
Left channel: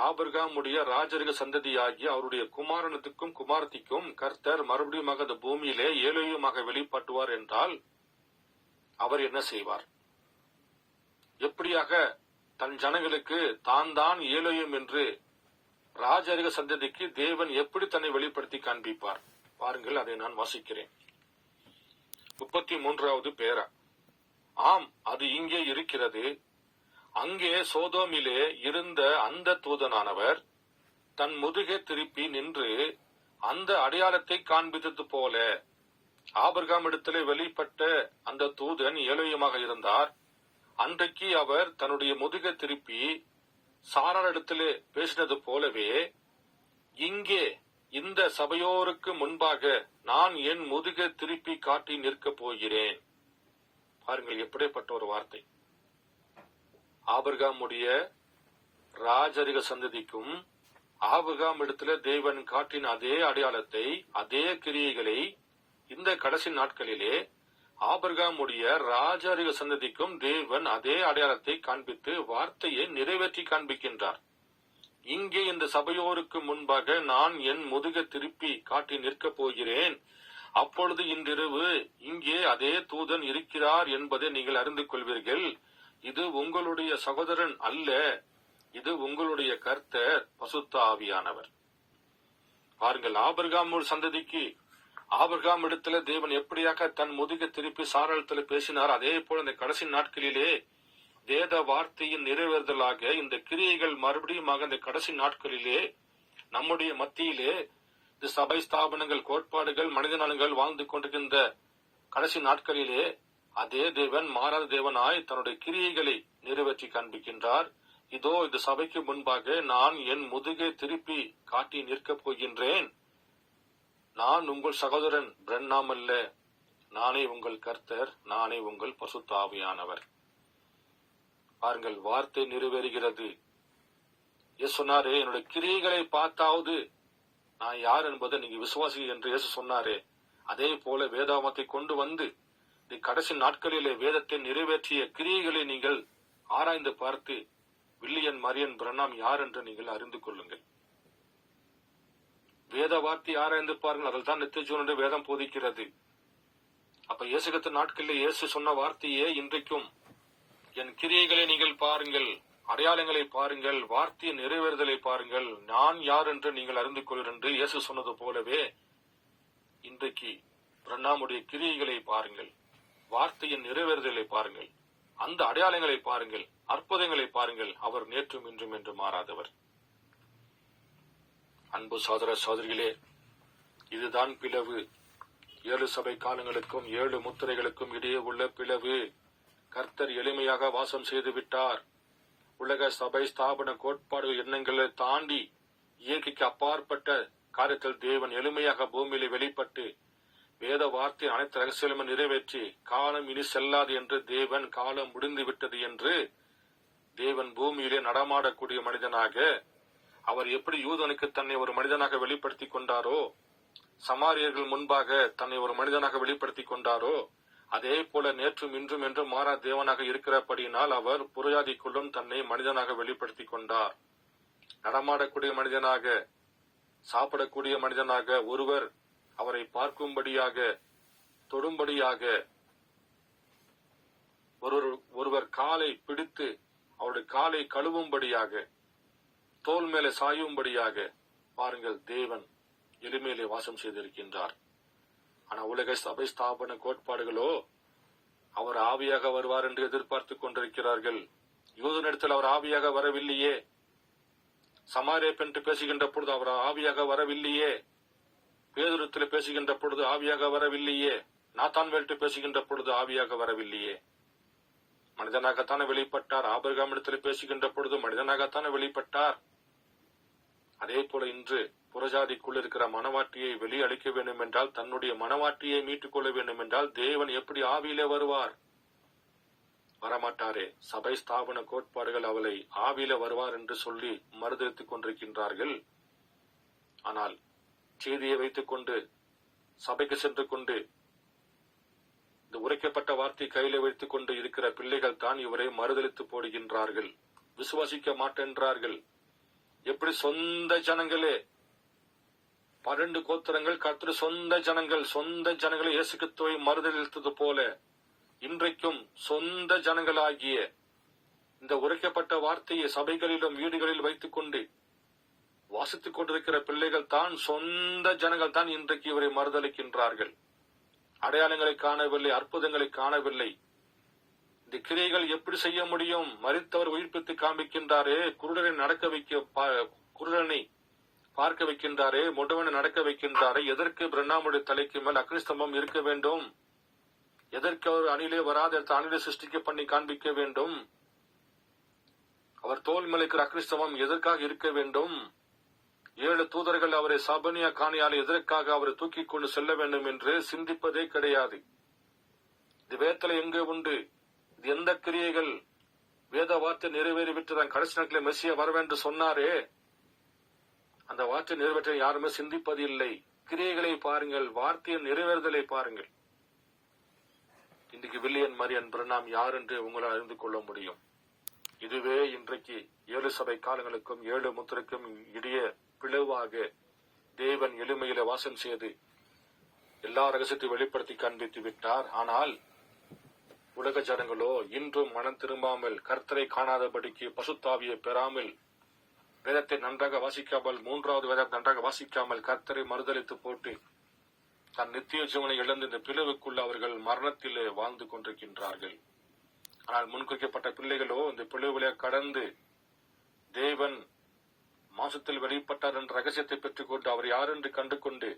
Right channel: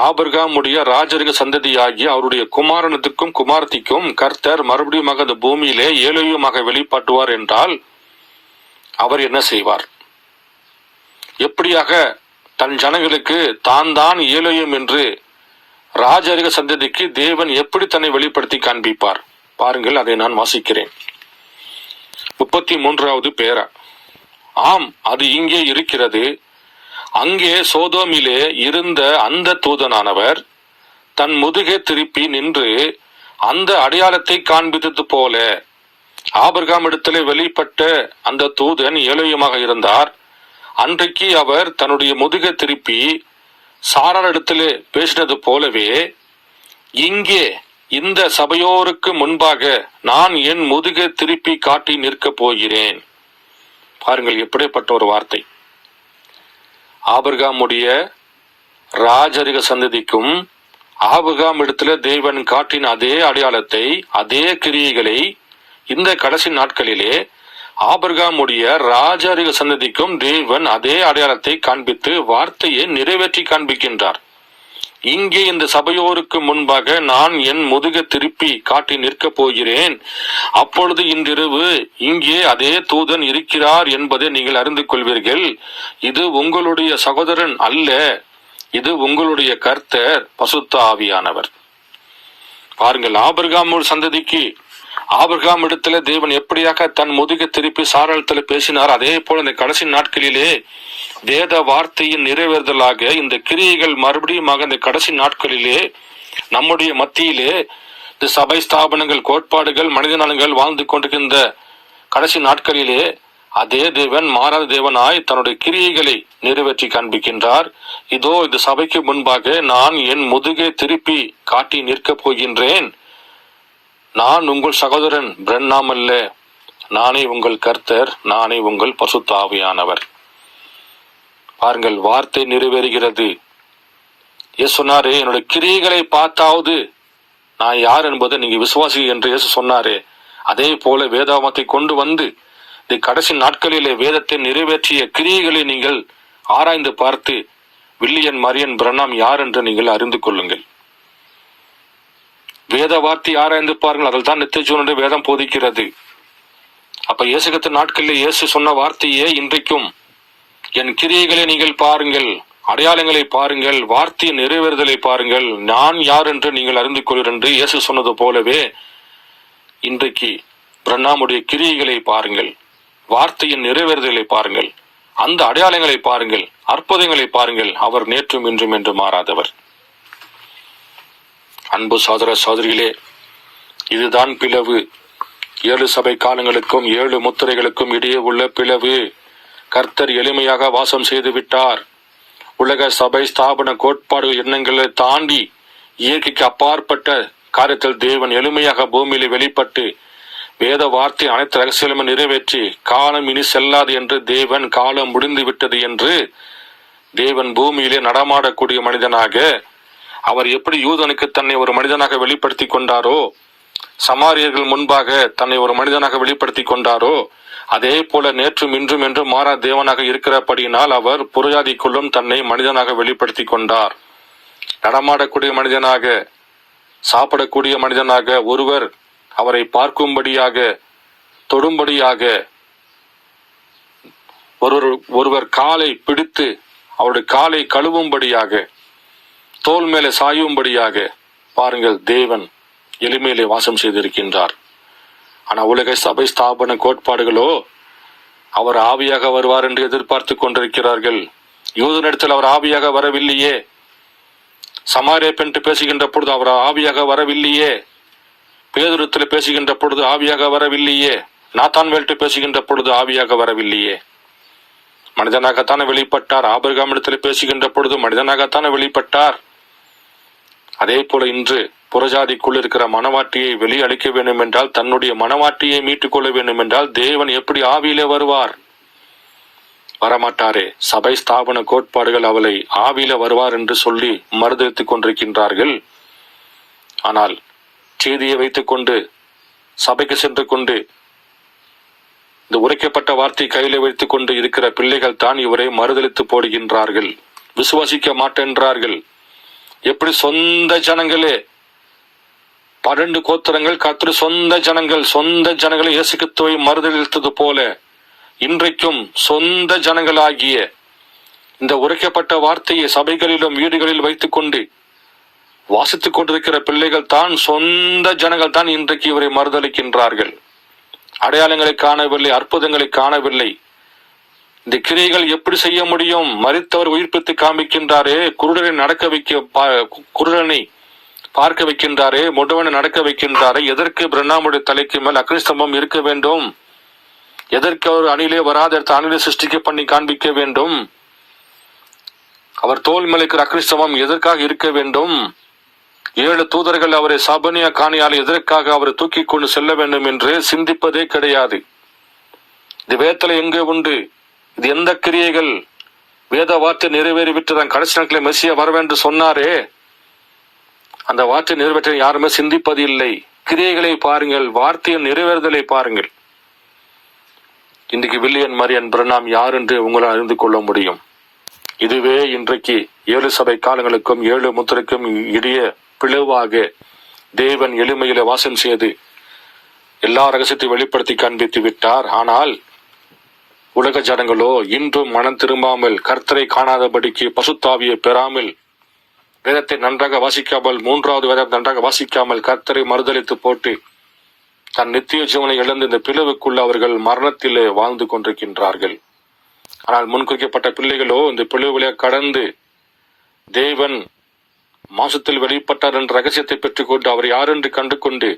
ஆபிரகாமுடைய ராஜரிக சந்ததியாகி அவருடைய குமாரனத்துக்கும் குமாரத்திக்கும் கர்த்தர் மறுபடியும் அந்த பூமியிலே ஏலோயுமாக வெளிப்பாட்டுவார் என்றால் அவர் என்ன செய்வார்? எப்படியாக தன் ஜனங்களுக்கு தான் ஏலோயும் என்று ராஜரிக சந்ததிக்கு தேவன் எப்படி தன்னை வெளிப்படுத்தி காண்பிப்பார் பாருங்கள், அதை நான் வாசிக்கிறேன். 33வது பேரா. ஆம், அது இங்கே இருக்கிறது. அங்கே சோதோமிலே இருந்த அந்த தூதனானவர் தன் முதுகை திருப்பி நின்று அந்த அடையாளத்தை காண்பித்தது போல ஆபிரகாம் இடத்திலே வெளிப்பட்ட அந்த தூதன் ஏலேயுமாக இருந்தார். அன்றைக்கு அவர் தன்னுடைய முதுகை திருப்பி சாரார் இடத்திலே பேசினது போலவே இங்கே இந்த சபையோருக்கு முன்பாக நான் என் முதுகை திருப்பி காட்டி நிற்கப் போகிறேன். பாருங்கள், எப்படிப்பட்ட ஒரு வார்த்தை. ஆபிரகாமுடைய ராஜரிக சந்ததிக்கும் ஆபிரகாம் இடத்துல தேவன் காட்டின அதே அடையாளத்தை, அதே கிரியைகளை இந்த கடைசி நாட்களிலே ஆபிரகாமுடைய ராஜரிக சந்ததிக்கும் தேவன் அதே அடையாளத்தை காண்பித்து வார்த்தையை நிறைவேற்றி காண்பிக்கின்றார். இங்கே இந்த சபையோருக்கு முன்பாக நான் என் முதுகை திருப்பி காட்டி நிற்கப் போகிறேன். அப்பொழுது இன்றிரவு இங்கே அதே தூதன் இருக்கிறார் என்பதை நீங்கள் அறிந்து கொள்வீர்கள். இது உங்களுடைய சகோதரன் அல்ல, இது உங்களுடைய கர்த்தர் பசுத்த ஆவியானவர். பாருங்கள், ஆபிரகாம் சந்ததிக்கு ஆபிரகாம் இடத்துல தேவன் எப்படியாக தன் முதுகை திருப்பி சாராளத்துல பேசினார், அதே போல இந்த கடைசி நாட்களிலே வேத வார்த்தையின் நிறைவேறுதலாக இந்த கிரியைகள் மறுபடியும் இந்த கடைசி நாட்களிலே நம்முடைய மத்தியிலே இந்த சபை ஸ்தாபனங்கள், கோட்பாடுகள், மனித நலன்கள் வாழ்ந்து கொண்டிருக்கின்ற கடைசி நாட்களிலே அதே தேவன் மாறாத தேவனாய் தன்னுடைய கிரியைகளை நிறைவேற்றி காண்பிக்கின்றார். இதோ இந்த சபைக்கு முன்பாக நான் என் முதுகை திருப்பி காட்டி நிற்கப் போகின்றேன். நான் உங்கள் சகோதரன் பிரண்ணாம் அல்ல, நானே உங்கள் கர்த்தர், நானே உங்கள் பசுத்த ஆவியானவர். பாருங்கள், வார்த்தை நிறைவேறுகிறது. இயேசு சொன்னாரே, என்னுடைய கிரியைகளை பார்த்தாவது நான் யார் என்பதை நீங்க விசுவாசி என்று இயேசு சொன்னாரே, அதே போல வேதாகமத்தை கொண்டு வந்து இந்த கடைசி நாட்களிலே வேதத்தை நிறைவேற்றிய கிரியைகளை நீங்கள் ஆராய்ந்து பார்த்து வில்லியன் மரியன் பிரண்ணாம் யார் என்று நீங்கள் அறிந்து கொள்ளுங்கள். வேத வார்த்தை ஆராய்ந்து பாருங்கள், அதில் தான் நித்திய ஜீவனுடைய வேதம் போதிக்கிறது. அப்ப இயேசுகிற நாட்களில் இயேசு சொன்ன வார்த்தையே இன்றைக்கும் என் கிரியைகளை நீங்கள் பாருங்கள், அடையாளங்களை பாருங்கள், வார்த்தையின் நிறைவேறுதலை பாருங்கள், நான் யார் என்று நீங்கள் அறிந்து கொள்வீர்கள் என்று இயேசு சொன்னது போலவே இன்றைக்கு பிரண்ணாமுடைய கிரியைகளை பாருங்கள், வார்த்தையின் நிறைவேறுதலை பாருங்கள், அந்த அடையாளங்களை பாருங்கள், அற்புதங்களை பாருங்கள். அவர் நேற்றும் இன்றும் என்று மாறாதவர். அன்பு சகோதர சகோதரிகளே, இதுதான் பிளவு. 7 சபை காலங்களுக்கும் 7 முத்திரைகளுக்கும் இடையே உள்ள பிளவு. கர்த்தர் எளிமையாக வாசம் செய்து விட்டார். உலக சபை ஸ்தாபன கோட்பாடு எண்ணங்களை தாண்டி இயற்கைக்கு அப்பாற்பட்ட காரியத்தில் தேவன் எளிமையாக பூமியிலே வெளிப்பட்டு வேத வார்த்தை அனைத்து ரகசியங்களும் நிறைவேற்றி காலம் இனி செல்லாது என்று தேவன் காலம் முடிந்து விட்டது என்று தேவன் பூமியிலே நடமாடக்கூடிய மனிதனாக அவர் எப்படி யூதனுக்கு தன்னை ஒரு மனிதனாக வெளிப்படுத்தி கொண்டாரோ, சமாரியர்கள் முன்பாக தன்னை ஒரு மனிதனாக வெளிப்படுத்தி கொண்டாரோ, அதே போல நேற்றும் இன்றும் என்று மாறா தேவனாக இருக்கிறபடியினால் அவர் புறஜாதிக்குள்ளும் தன்னை மனிதனாக வெளிப்படுத்தி கொண்டார். நடமாடக்கூடிய மனிதனாக, சாப்பிடக்கூடிய மனிதனாக, ஒருவர் அவரை பார்க்கும்படியாக, தொடும்படியாக, ஒருவர் காலை பிடித்து அவருடைய காலை கழுவும்படியாக, தோல் மேலே சாயும்படியாக பாருங்கள், தேவன் எளிமையிலே வாசம் செய்திருக்கின்றார். ஆனா உலக சபை ஸ்தாபன கோட்பாடுகளோ அவர் ஆவியாக வருவார் என்று எதிர்பார்த்து கொண்டிருக்கிறார்கள். யூதனிடத்தில் அவர் ஆவியாக வரவில்லையே, சமாரிய பெண் பேசுகின்ற பொழுது அவர் ஆவியாக வரவில்லையே, பேதுருத்தில் பேசுகின்ற பொழுது ஆவியாக வரவில்லையே, நாத்தான்வேல்ட்டு பேசுகின்ற பொழுது ஆவியாக வரவில்லையே. மனிதனாகத்தானே வெளிப்பட்டார். ஆபிரகாமிடத்தில் பேசுகின்ற பொழுது மனிதனாகத்தானே வெளிப்பட்டார். அதே போல இன்று புறஜாதிக்குள் இருக்கிற மனவாட்டியை வெளியளிக்க வேண்டும் என்றால், தன்னுடைய மனவாட்டியை மீட்டுக் கொள்ள வேண்டும் என்றால் தேவன் எப்படி ஆவியிலே வருவார்? வரமாட்டாரே. சபை ஸ்தாபன கோட்பாடுகள் அவளை ஆவியில வருவார் என்று சொல்லி மறுதளித்துக் கொண்டிருக்கின்றார்கள். ஆனால் செய்தியை வைத்துக் கொண்டு சபைக்கு சென்று கொண்டு இந்த உரைக்கப்பட்ட வார்த்தை கையில வைத்துக் கொண்டு இருக்கிற பிள்ளைகள் தான் இவரை மறுதளித்து போடுகின்றார்கள், விசுவாசிக்க மாட்டேன்றார்கள். எப்படி சொந்த ஜனங்களே 12 கோத்திரங்கள் கர்த்தர் சொந்த ஜனங்களை இயேசு கிறிஸ்துவை மறுதலித்தது போல இன்றைக்கும் சொந்த ஜனங்களாகிய இந்த உரைக்கப்பட்ட வார்த்தையை சபைகளிலும் வீடுகளில் வைத்துக் கொண்டு வாசித்துக் கொண்டிருக்கிற பிள்ளைகள் தான், சொந்த ஜனங்கள் தான் இன்றைக்கு இவரை மறுதளிக்கின்றார்கள். அடையாளங்களை காணவில்லை, அற்புதங்களை காணவில்லை. இந்த கிரியைகள் எப்படி செய்ய முடியும்? மரித்தவர் உயிர்ப்பித்து காண்பிக்கின்றாரே, குருடனை பார்க்க வைக்கின்றாரே, முடவனை நடக்க வைக்கின்றாரே, எதற்கு பிரண்ணாமுடைய தலைக்கு மேல் அக்னிஸ்தம்பம் இருக்க வேண்டும்? எதற்கு அவர் அணிலே வராத இடத்த அணிலை சிருஷ்டிக்க பண்ணி காண்பிக்க வேண்டும்? அவர் தோல் மேலுக்கிற அக்னிஸ்தம்பம் எதற்காக இருக்க வேண்டும்? 7 தூதர்கள் அவரை சாபனியா காணியால் எதற்காக அவரை தூக்கி கொண்டு செல்ல வேண்டும் என்று சிந்திப்பதே கிடையாது. இது வேதத்துல எங்கே உண்டு? இது எந்த கிரியைகள்? வேத வார்த்தை நிறைவேறிவிட்டு கடைசி நாட்களில் மெசியா வரவென்று சொன்னாரே, அந்த வார்த்தை நிறைவேற்ற யாருமே சிந்திப்பது இல்லை. கிரியைகளை பாருங்கள், வார்த்தையின் நிறைவேறுதலை பாருங்கள். இன்றைக்கு வில்லியம் மரியன் பிரணாம் யார் என்று உங்களால் அறிந்து கொள்ள முடியும். இதுவே இன்றைக்கு 7 சபை காலங்களுக்கும் 7 முத்திரைக்கும் இடையே பிளவாக தேவன் எளிமையில வாசம் செய்து எல்லா ரகசியத்தை வெளிப்படுத்தி காண்பித்து விட்டார். ஆனால் உலக ஜனங்களோ இன்றும் மனம் திரும்பாமல், கர்த்தரை காணாதபடிக்கு பசுத்தாவியை பெறாமல், வேதத்தை நன்றாக வாசிக்காமல், 3வது வேதத்தை நன்றாக வாசிக்காமல் கர்த்தரை மறுதளித்து போட்டு தன் நித்திய ஜீவனை இழந்து இந்த பிளவுக்குள்ள அவர்கள் மரணத்திலே வாழ்ந்து கொண்டிருக்கின்றார்கள். ஆனால் முன்குறிக்கப்பட்ட பிள்ளைகளோ இந்த பிளவுகளை கடந்து தேவன் மாசத்தில் வெளிப்பட்டார் என்ற ரகசியத்தை பெற்றுக்கொண்டு அவர் யார் என்று கண்டு கொண்டு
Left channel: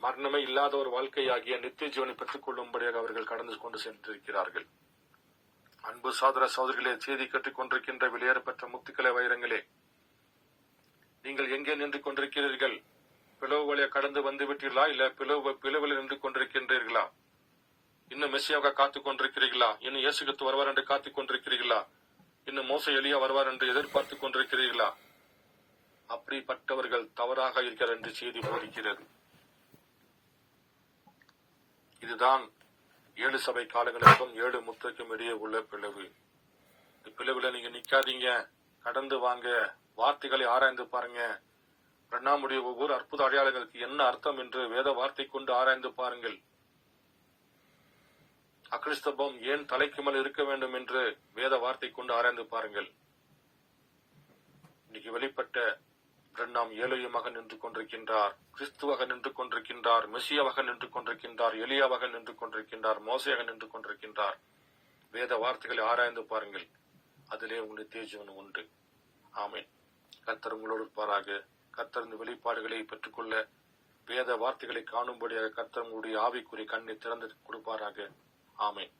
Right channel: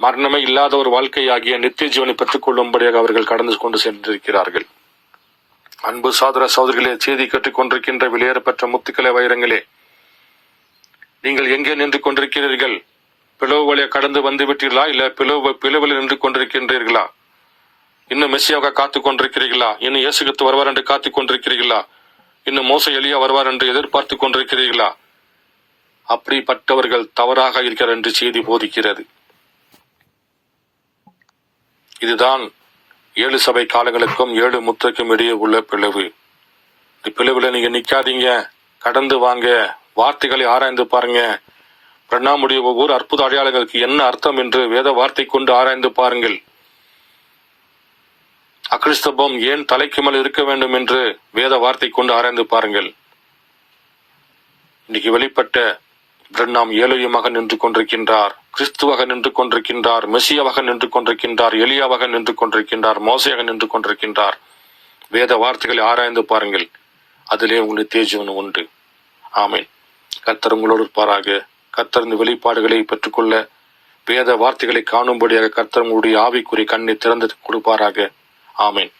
மரணமே இல்லாத ஒரு வாழ்க்கையாகிய நித்திய ஜீவனை பெற்றுக் கொள்ளும்படியாக அவர்கள் கடந்து கொண்டு சென்றிருக்கிறார்கள். அன்பு சகோதர சகோதரிகளே, செய்தி கேட்டுக் கொண்டிருக்கின்ற வெளியேறப்பெற்ற முத்துக்களை வைரங்களே, நீங்கள் எங்கே நின்று கொண்டிருக்கிறீர்கள்? பிளவு வழியாக கடந்து வந்து விட்டீர்களா? இல்ல பிளவில் நின்று கொண்டிருக்கின்றீர்களா? இன்னும் மெசியாக காத்துக் கொண்டிருக்கிறீர்களா? இன்னும் இயேசு கிறிஸ்து வருவார் என்று காத்துக் கொண்டிருக்கிறீர்களா? இன்னும் மோசே எலியா வருவார் என்று எதிர்பார்த்து கொண்டிருக்கிறீர்களா? அப்படிப்பட்டவர்கள் தவறாக இருக்கிறார் என்று செய்தி போதிக்கிறது. இதுதான் 7 சபை காலங்களுக்கும் 7 முத்திரைக்கும் இடையே உள்ள பிளவு. பிளவுல நீங்க நிக்காதீங்க, கடந்து வாங்க, வார்த்தைகளை ஆராய்ந்து பாருங்க. பிரணாமுடைய ஒவ்வொரு அற்புத அடையாளங்களுக்கு என்ன அர்த்தம் என்று வேத வார்த்தை கொண்டு ஆராய்ந்து பாருங்கள். அக்னிஸ்தம்பம் ஏன் தலைக்கு மேல் இருக்க வேண்டும் என்று வேத வார்த்தை கொண்டு ஆராய்ந்து பாருங்கள். இன்னைக்கு வெளிப்பட்ட பிரணாம் ஏலோயமாக நின்று கொண்டிருக்கின்றார், கிறிஸ்துவாக நின்று கொண்டிருக்கின்றார், மெசியாவாக நின்று கொண்டிருக்கின்றார், எலியாவாக நின்று கொண்டிருக்கின்றார், மோசையாக நின்று கொண்டிருக்கின்றார். வேத வார்த்தைகளை ஆராய்ந்து பாருங்கள், அதிலே உங்களுக்கு தேஜீவன் உண்டு. ஆமேன். கர்த்தர் உங்களோடு இருப்பாராக. கர்த்தர் இந்த வெளிப்பாடுகளை பெற்றுக்கொள்ள வேத வார்த்தைகளை காணும்படியாக கர்த்தர் உங்களுடைய ஆவிக்குரிய கண்ணை திறந்து கொடுப்பாராக. ஆமேன்.